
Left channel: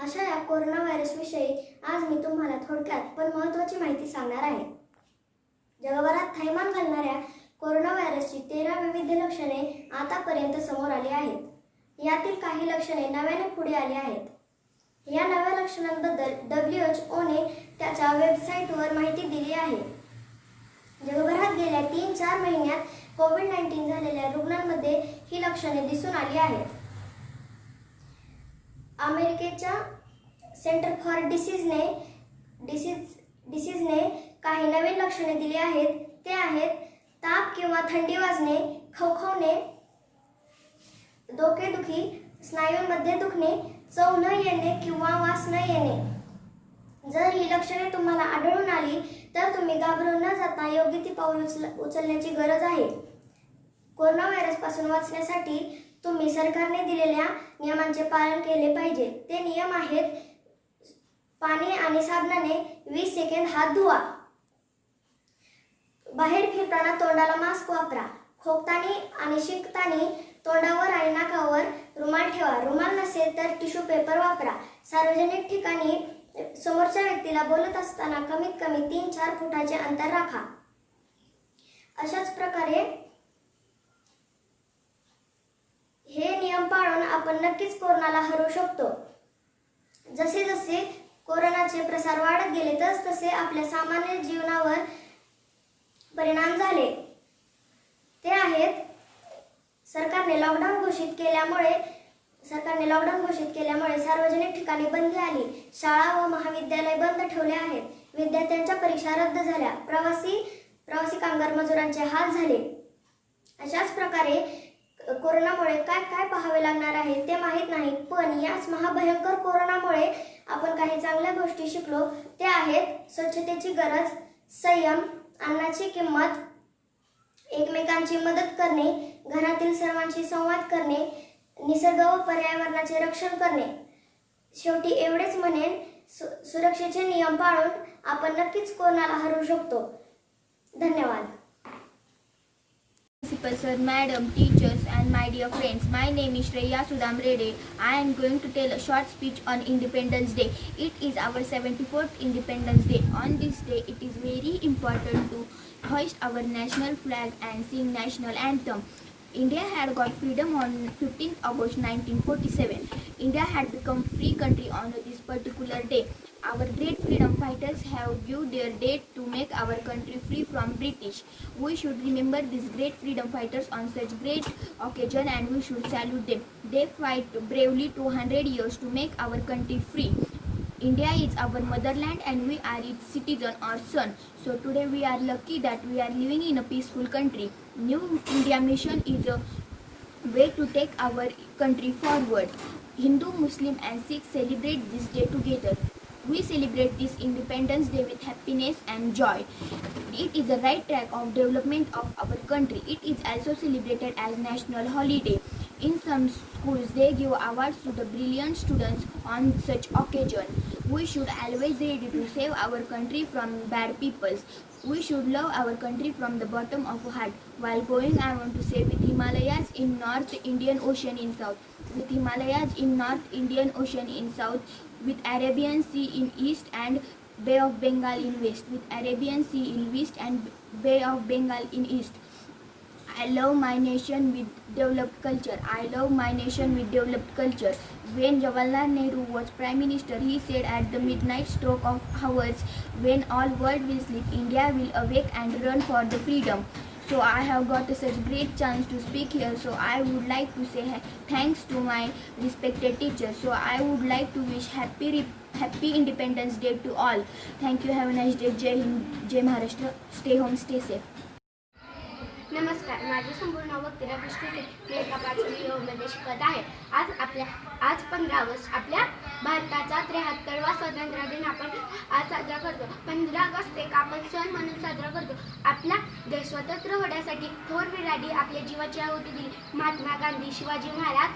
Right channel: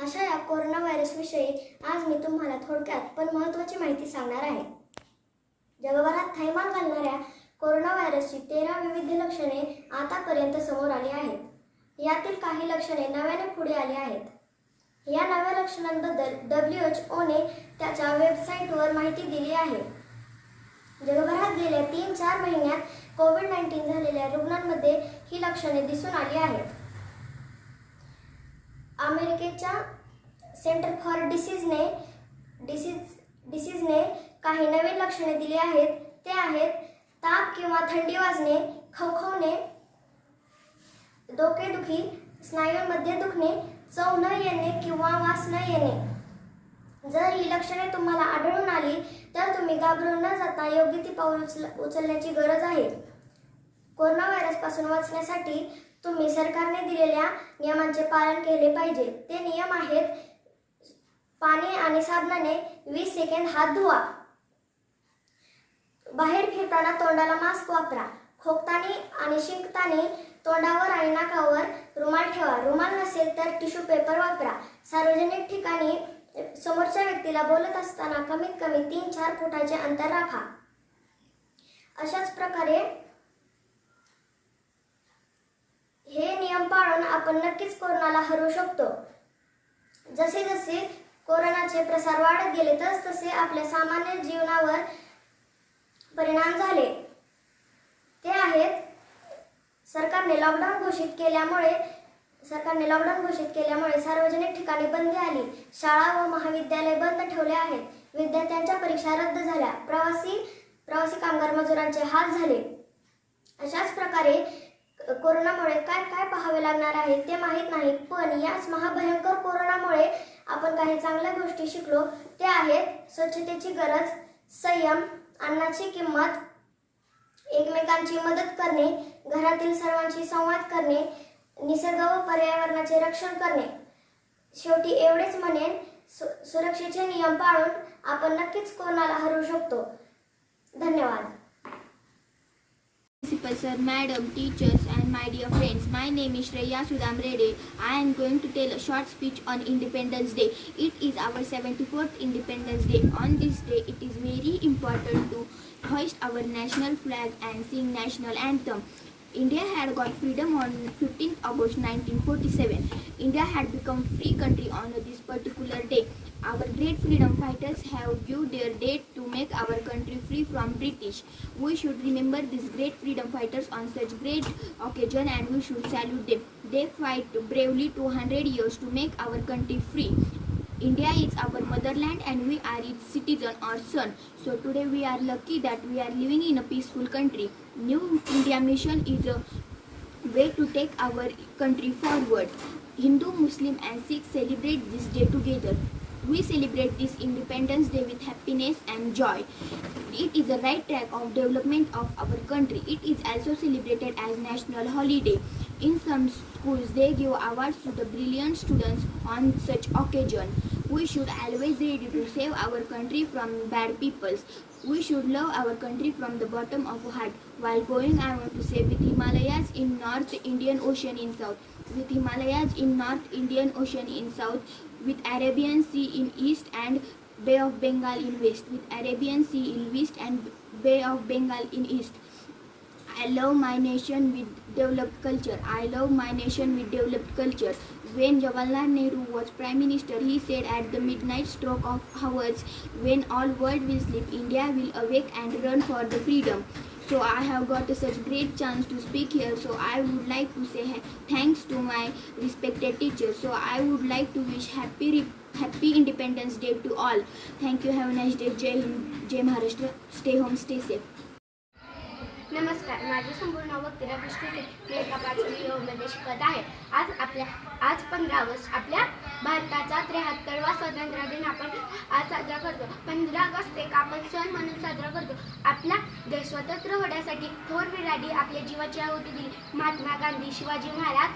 अशा या कोरोना व्हायरस विषयी आज मी तुम्हाला थोडक्यात पण महत्त्वाची माहिती सांगणार आहे। जगभरात थैमान घालणाऱ्या कोरोना व्हायरसची 13 विविध लक्षणे आतापर्यंत समोर आली आहेत। यातील काही लक्षणे नव्याने पुढे आली आहेत। या नव्या लक्षणांबद्दल WHO ने त्याच्या वेबसाईटवर माहिती दिली आहे। जगभरात गेल्या 3-4 महिन्यात कोविड-19 झालेल्या रुग्णांमध्ये ही लक्षणे दिसून आली आहेत। अमेरिकेच्या सेंटर फॉर डिसीजने काही नवीन लक्षणे दिली आहेत। ते आहेत ताप किंवा थंडी वाजणे, खवखवणे, डोकेदुखी, स्नायूंमध्ये दुखणे, चव न येणे किंवा वास न येणे। जर ही लक्षणे तुम्हाला आढळून आली तर तुम्ही घाबरून न जाता योग्य ती पाऊल उचलण्याची गरज आहे। कोरोना व्हायरसपासून वाचण्यासाठी तुम्ही सरकारने दिलेल्या नियमांचे पालन केले पाहिजे। ते नियम आहेत: पाणी आणि साबणाने 20 सेकंद हात धुवा, बाहेर फिरताना तोंडाला मास्क वापरा, खोकताना आणि शिंकताना तोंडावर आणि नाकावर रुमाल ठेवा, रुमाल नसेल तर टिश्यू पेपर वापरा, सार्वजनिक ठिकाणी समोरच्या व्यक्तीला बोलत असताना कमीत कमी 3-4 फुटाचे अंतर राखा। अशाच प्रकारे हे नियम पाळून आपण नक्कीच कोरोनाला हरवू शकतो। जसे जसे कोरोनाचे प्रसार वाढत गेले तसे आपल्या सामान्य जीवनावर परिणाम झाले। ते आहेत सरकारने लॉकडाऊन घोषित केल्यामुळे सार्वजनिक ठिकाणी बंदी आली, शाळा व महाविद्यालय बंद ठेवले आहेत, विद्यार्थ्यांच्या परीक्षा रद्द झाल्या, प्रवासी कामगार मजुरांचे हाल झाले। अशाच प्रकारे कोरोनामुळे काय काय पाहावे लागणार आहे ते माहीत नाही, पण याच महाभयंकर कोरोनामुळे आपण काही चांगल्या गोष्टी शिकलो. ते आहेत स्वच्छतेची गरज, संयम, अन्नाची किंमत, एकमेकांची मदत करणे, घरातील सर्वांशी संवाद करणे, निसर्ग व पर्यावरणाचे रक्षण करणे. शेवटी एवढेच म्हणेन, सुरक्षेचे नियम पाळून आपण नक्कीच कोरोनाला हरवू शकतो. धन्यवाद. Principal sir, madam, teachers and my dear friends, my name is Shreya Sudham Rede. I am going to tell a short speech on Independence Day. It is our 74th Independence Day. On this day, it is very important to hoist our national flag and sing national anthem. India had got freedom on 15th August 1947. India had become free country on this particular day. Our great freedom fighters have given their deed to make our country free from British. We should remember these great freedom fighters on such great occasion and we should salute them. They fight bravely 200 years to make our country free. India is our motherland and we are its citizen or son. So today we are lucky that we are living in a peaceful country. New India mission is a way to take our country forward. Hindu, Muslim and Sikh celebrate this day together. We celebrate this Independence Day with happiness and joy. It is the right track of development of our country. It is also celebrated as national holiday. In some schools, they give awards to the brilliant students on such occasion. We should always ready to save our country from bad peoples. We should love our country from the bottom of our heart. While going, I want to say with Himalayas in North Indian Ocean in South, with Himalayas in North Indian Ocean in South, with Arabian Sea in East and Bay of Bengal in West, with Arabian Sea in West and Bay of Bengal in East. I love my nation with developed culture. I love my nation with developed culture. When Jawaharlal Nehru was Prime Minister, he said at the midnight stroke of hours, when all world will sleep, India will awake and run for the freedom. So I have got such great chance to speak here. So I would like to say thanks to my respected teachers. So I would like to wish happy Independence Day to all. Thank you. Have a nice day. Jai Hind, Jai Maharashtra. Stay home, stay safe. नमस्कार, माझे संपूर्ण नाव वक्तिरा विष्णू. मी एका प्राथमिक मध्ये शिकत आहे. आज 15 August आपल्या भारताचा 73वा स्वातंत्र्य दिन आपण आज साजरा करतो. 15 ऑगस्ट एक आपण सण म्हणून साजरा करतो. आपला देश स्वतंत्र होण्यासाठी थोर वीरांनी आपल्या जीवाची आहुती दिली. महात्मा गांधी, शिवाजी महाराज,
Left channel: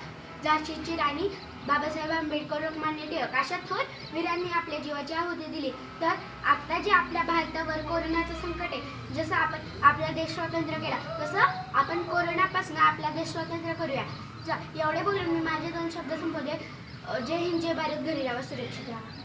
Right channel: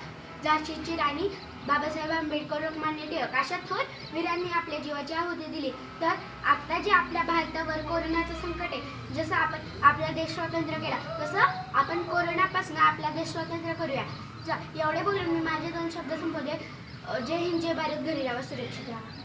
झाशीची राणी, बाबासाहेब आंबेडकर, लोकमान्य टिळक अशा थोर वीरांनी आपल्या जीवाची आहुती दिली. तर आता जे आपल्या भारतावर कोरोनाचं संकट आहे, जसं आपण आपला देश स्वतंत्र केला, तसं आपण कोरोनापासून आपला देश स्वतंत्र करूया. एवढे बोलून मी माझे 2 शब्द संपवले. जय हिंद, जय भारत. घरी राहा, सुरक्षित राहा.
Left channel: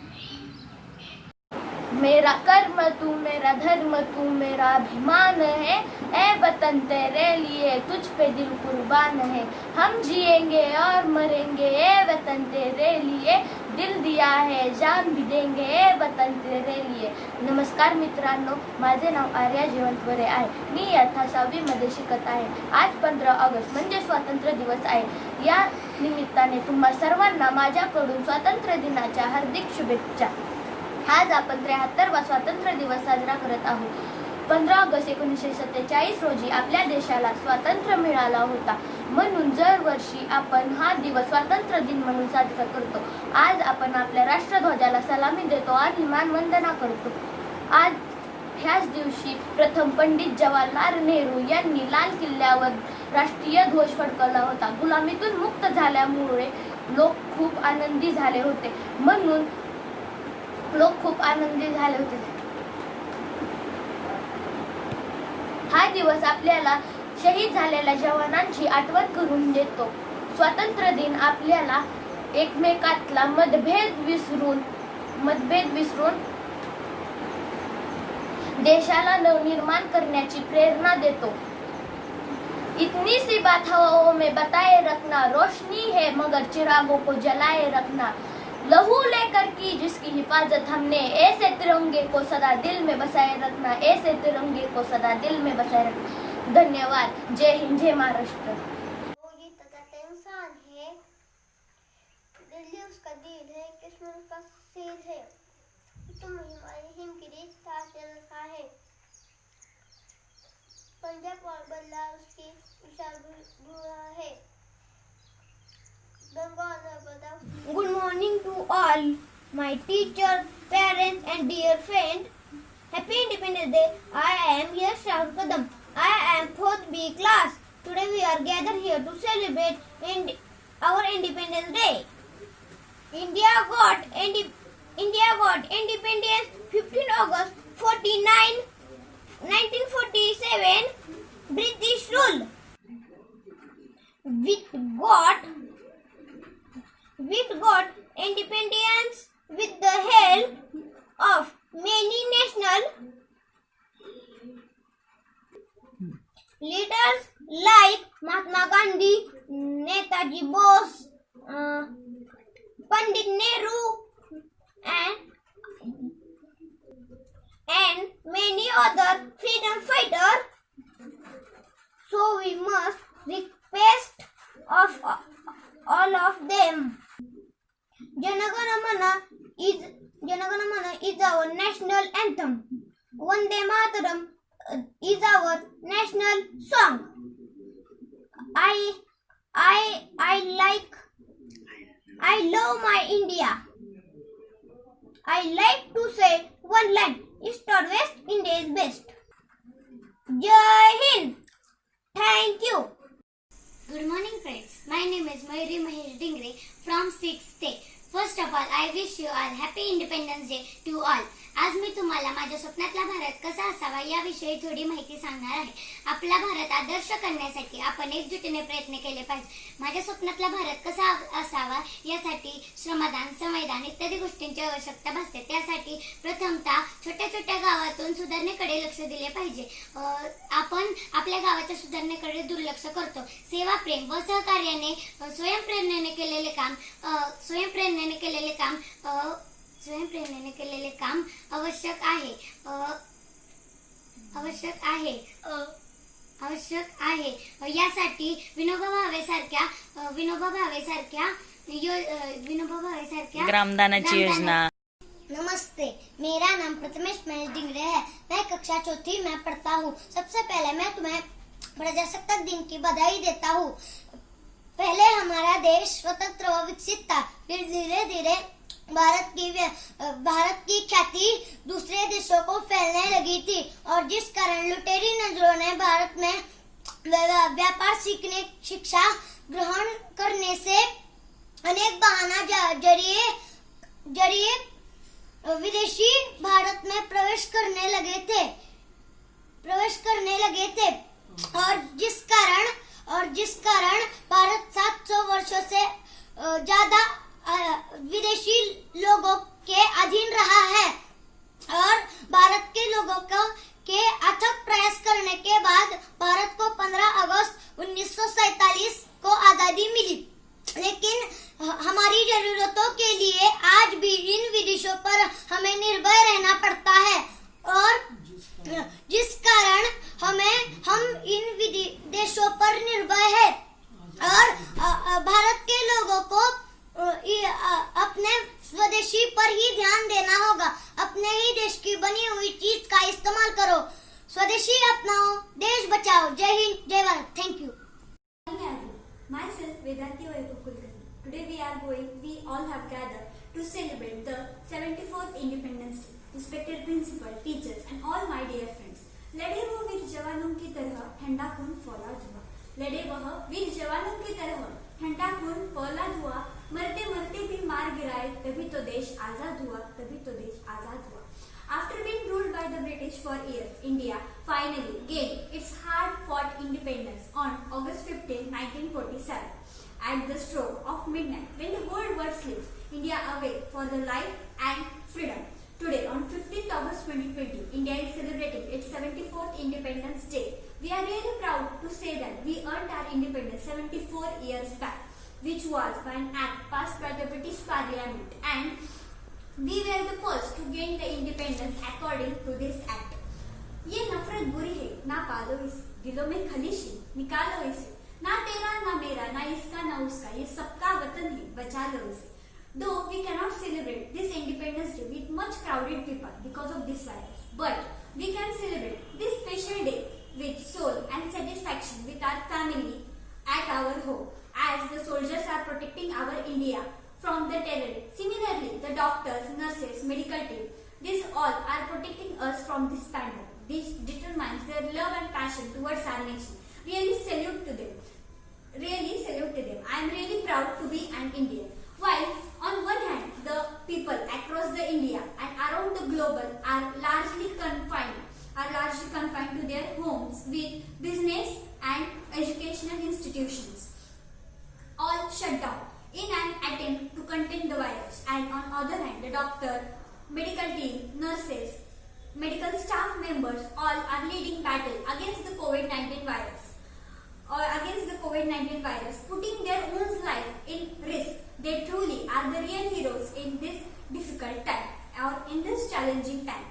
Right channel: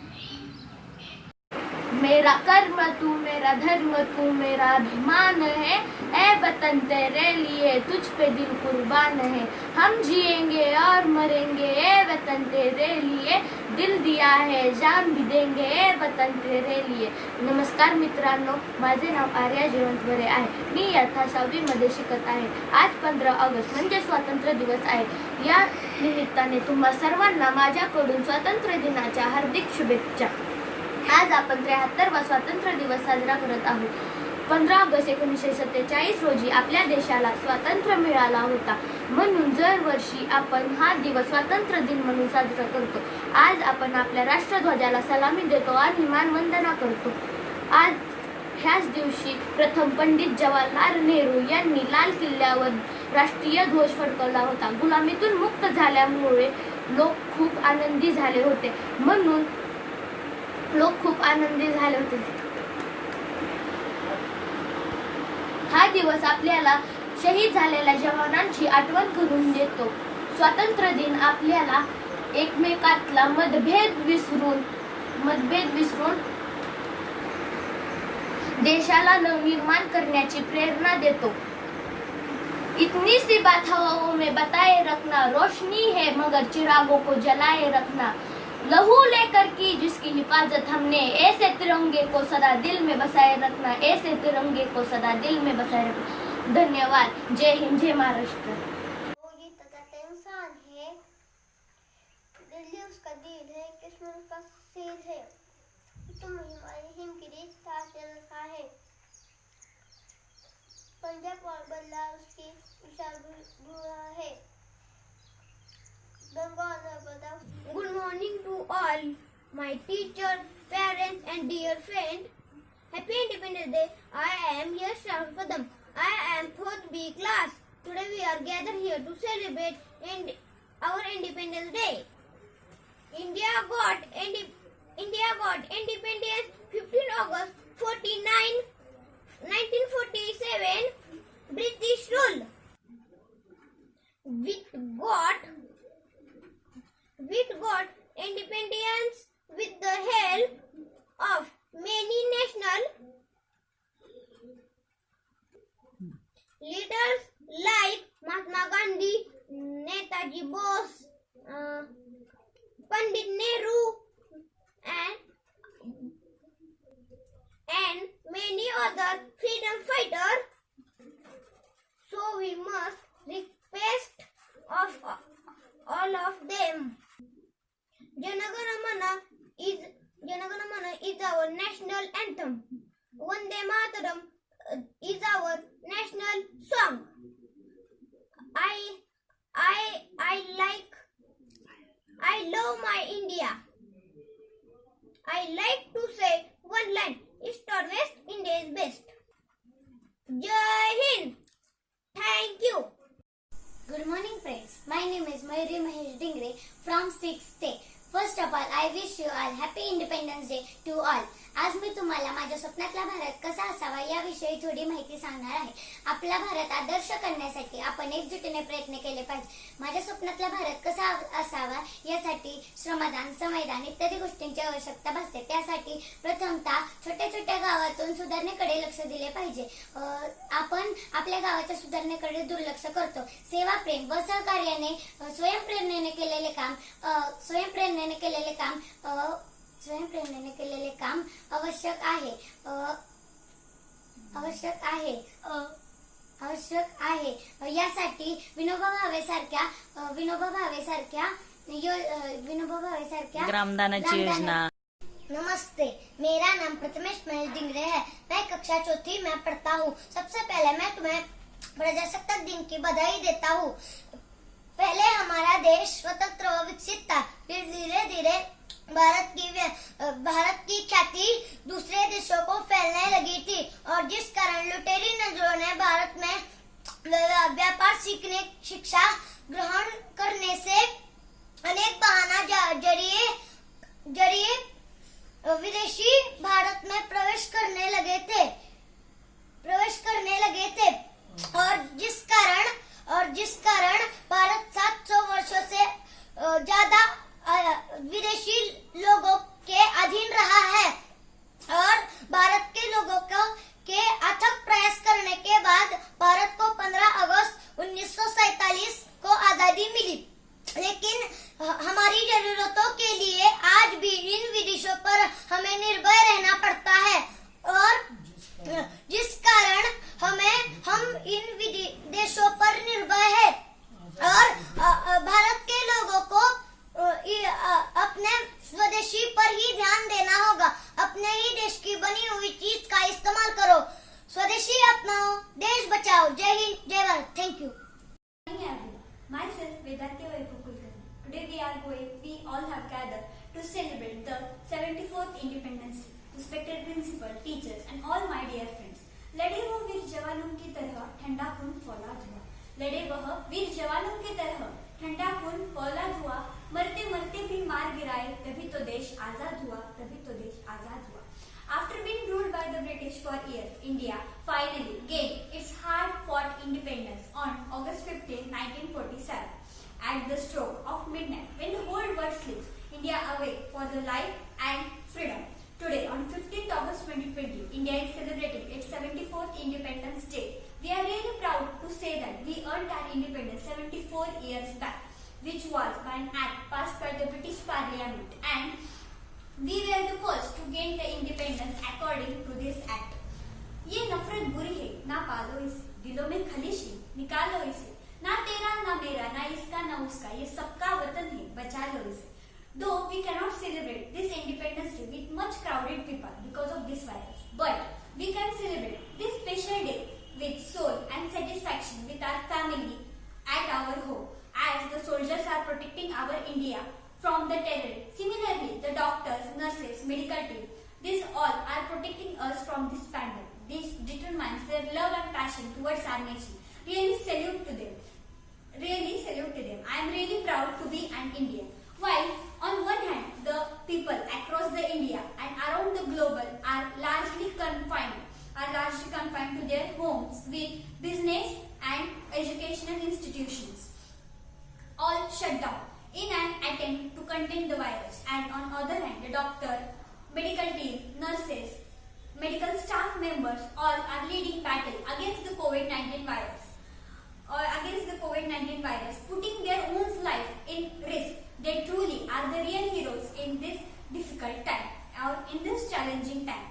मेरा कर्म तू, मेरा धर्म तू, मेरा अभिमान है. ए वतन तेरे लिए तुझ पे दिल कुर्बान है. हम जिएंगे और मरेंगे ए वतन तेरे लिए. दिल दिया है जान भी देंगे ए वतन तेरे लिए. नमस्कार मित्रांनो, माझे नाव आर्या जयवंत वरे आहे. मी इयत्ता 6वी मध्ये शिकत आहे. आज 15 ऑगस्ट म्हणजे स्वातंत्र्य दिवस आहे. या निमित्ताने तुम्हा सर्वांना माझ्याकडून स्वातंत्र्य दिनाच्या हार्दिक शुभेच्छा. आज आपण 73वा स्वातंत्र्य दिवस साजरा करत आहोत. 15 ऑगस्ट 1947 रोजी आपल्या देशाला स्वातंत्र्य मिळाला होता. म्हणून दरवर्षी आपण हा दिवस स्वातंत्र्य दिन म्हणून साजरा करतो. आज आपण आपल्या राष्ट्रध्वजाला सलामी देतो आणि मानवंदना करतो. आज ह्याच दिवशी प्रथम पंडित जवाहरलाल नेहरू यांनी लाल किल्ल्यावर राष्ट्रीय ध्वज फडकवला होता. गुलामीतून मुक्त झाल्यामुळे लोक खूप आनंदी झाले होते. हा दिवस आपल्याला शहीद झालेल्या जवानांची आठवण करून देतो. स्वातंत्र्य दिन आपल्याला एकमेकातला मतभेद विसरून देशाला नवनिर्माण करण्याची प्रेरणा देतो. इतनी सी बात हवाओं में बताए रखना, रोशनी है मगर चिरागों को जलाए रखना. लहू लेकर की जिसकी हिफाजत हमने, ऐसे तिरंगे को सदा दिल में बसाए रखना. ऐसे तिरंगे को सदा दिल में बसाए रखना. धन्यवाद. जय हिंद, जय महाराष्ट्र. वो ये तो कहते हैं इंसान है, दिल्ली उसका दिल है, कश्मीर उसका सिर है, तुम हमारी हिम की रीत है. पंजाब और बदलाव की विशाल है। Good morning to all my teacher, parents and dear friends. Happy Independence Day. I am Yash Kadam. I am 4th B class. Today we are gathered here to celebrate our Independence Day. India got independence 15 August 1947. British rule. We got independence with the help of many national leaders like Mahatma Gandhi, Netaji Bose, Pandit Nehru, and many other freedom fighters. So we must respect of all of them. Janaganamana is our national anthem. Vande Mataram is our national song. I love my India. I like to say one line: East or West, India is best. Jai Hind. Thank you. Good morning friends. My name is Mayuri Mahesh Dingre from 6th A. First of all, I wish you all happy Independence Day to all. आज मी तुम्हाला माझ्या स्वप्नातला भारत कसा असावा याविषयी थोडी माहिती सांगणार आहे. आपला भारत आदर्श करण्यासाठी आपण एकजुटीने प्रयत्न केले पाहिजे. माझ्या स्वप्नातला भारत कसा असावा यासाठी श्रमदान, संविधान इत्यादी गोष्टींची आवश्यकता भासते. त्यासाठी प्रथमतः छोट्या छोट्या गावातून सुधारणेकडे लक्ष दिले पाहिजे. आपण आपल्या गावाच्या सुधारणेकडे दुर्लक्ष करतो. सेवा, प्रेम व सहकार्याने स्वयंप्रेरणेने केलेले काम आवश्यक आहे. यासाठी विनोबा भावे सारख्या ग्रामदानाची योजना. नमस्ते, मेरा नाम प्रथमेश महेश डिंगरे है. मैं कक्षा 4th में पढ़ता हूँ. सबसे पहले मैं तुम्हें प्रजासत्ताक दिन की बधाई देता हूँ. पहले हमारा देश स्वतंत्र व विकसित था. फिर धीरे धीरे भारत की ख्याति दूसरे देशों को फैलने लगी थी और जिस कारण लुटेरी नजरों ने भारत में व्यापार शिक्षा ग्रहण करने से अनेक बहाना जरिए विदेशी भारत में प्रवेश करने लगे थे और जिस कारण भारत 700 वर्षों से ज्यादा विदेशी लोगों के अधीन रहा है और भारत के लोगों के अथक प्रयास करने के बाद भारत को 15 अगस्त 1947 को आजादी मिली. लेकिन हमारी जरूरतों के लिए आज भी इन विदेशों पर हमें निर्भर रहना पड़ता है और जिस कारण हम इन देशों पर निर्भर है और भारत के लोगों को अपने स्वदेशी पर ही ध्यान देना होगा. अपने ही देश की बनी हुई चीज का इस्तेमाल करो. स्वदेशी अपनाओ, देश बचाओ. जय हिंद, जय Bharat. Thank you. Myself, Vedanti Vaikukulkarni. Today we all have gathered to celebrate the 74th Independence Day. Respected principal, teachers and all my dear friends. लड़े वो वीर जवानों की तरह ठंडा खून फौलाद हुआ. लड़े वह वीर जवानों की तरह ठंडा खून फौलाद हुआ. मरते मरते भी मार गिराए तभी तो देश आजाद हुआ. After being ruled by the British for years, India finally gained its hard-fought independence on August 15, 1947. At the stroke of midnight, when the whole world sleeps, India awake for the life and freedom. Today, on 15th August 2020, India is celebrating its 74th Independence Day. We are really proud to say that we earned our independence 74 years back, which was by an act passed by the British Parliament, and we were the first to gain the independence according to this act. ये नफरत बुरी है, ना पालो इसे, दिलों में खलिश है, निकालो इसे. ना तेरा ना मेरा, ना इसका ना उसका, ये सबका वतन है, बचा लो इसे. Though we cannot celebrate this Independence Day with much crowded people because of this virus, but we can celebrate this special day with soul satisfaction with our family at our home, as the soldiers are protecting our India from the terror. Similarly, the doctors, nurses, medical team, these all are protecting us from this pandemic. This determines their love and passion towards our nation. Really salute to them. Really salute to them. I am really proud to be an Indian. While on one hand, the people across the India and around the globe are largely confined to their homes with business and educational institutions all shut down in an attempt to contain the virus. And on other hand, the doctor, medical team, nurses, medical staff members all are leading battle against the COVID-19 virus, putting their own life in risk. They truly are the real heroes in this difficult time, or in this challenging time.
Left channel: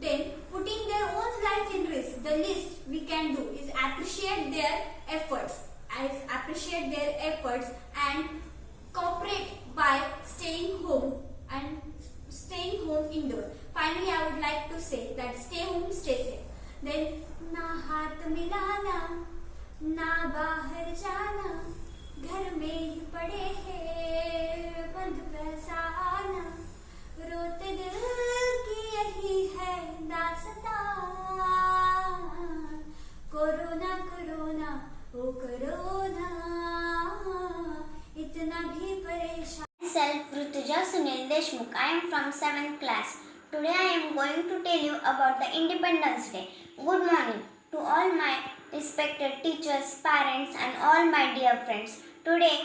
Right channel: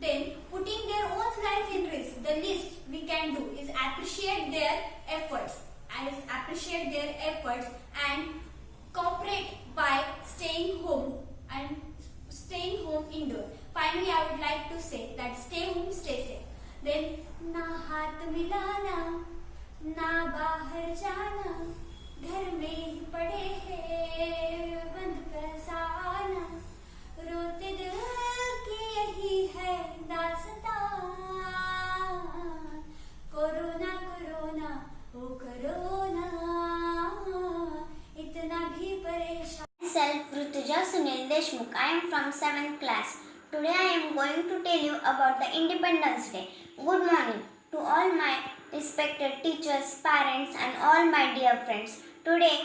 Then putting their own life in risk, the least we can do is appreciate their efforts and cooperate by staying home indoor. Finally, I would like to say that stay home, stay safe. Then ना हाथ मिलाना, ना बाहर जाना, घर में ही पड़े हैं बंद फसाना, रोते दिल की यही है दास्तां, कोरोना कोरोना ओ कोरोना, इतना भी परेशान. Myself Rutuja Sunil Deshmukh. I am from 7th class. Today I am going to tell you about the Independence Day. Good morning to all my respected teachers, parents and all my dear friends. Today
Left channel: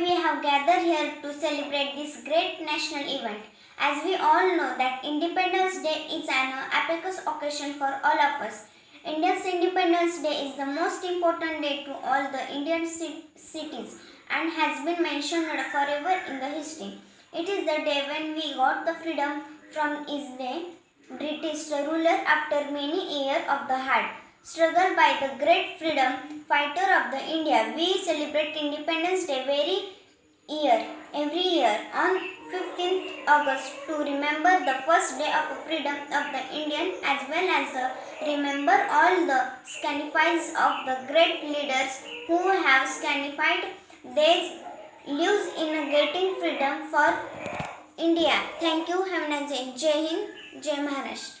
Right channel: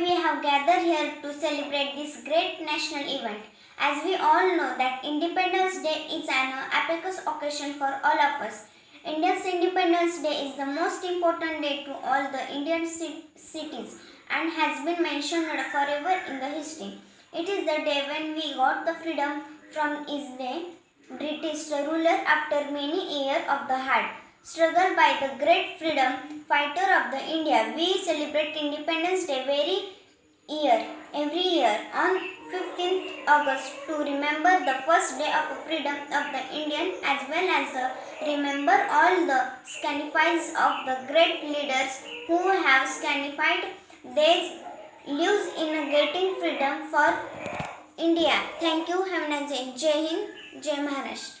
we have gathered here to celebrate this great national event. As we all know that Independence Day is an epic occasion for all of us. India's Independence Day is the most important day to all the Indian cities and has been mentioned forever in the history. It is the day when we got the freedom from the British ruler after many years of the hard struggle by the great freedom fighter of the India. We celebrate Independence Day every year on 15th August to remember the first day of freedom of the Indian, as well as remember all the sacrifices of the great leaders who have sacrificed their lives in getting freedom for India. Thank you. Have a nice day. Jai Hind, Jai Maharashtra.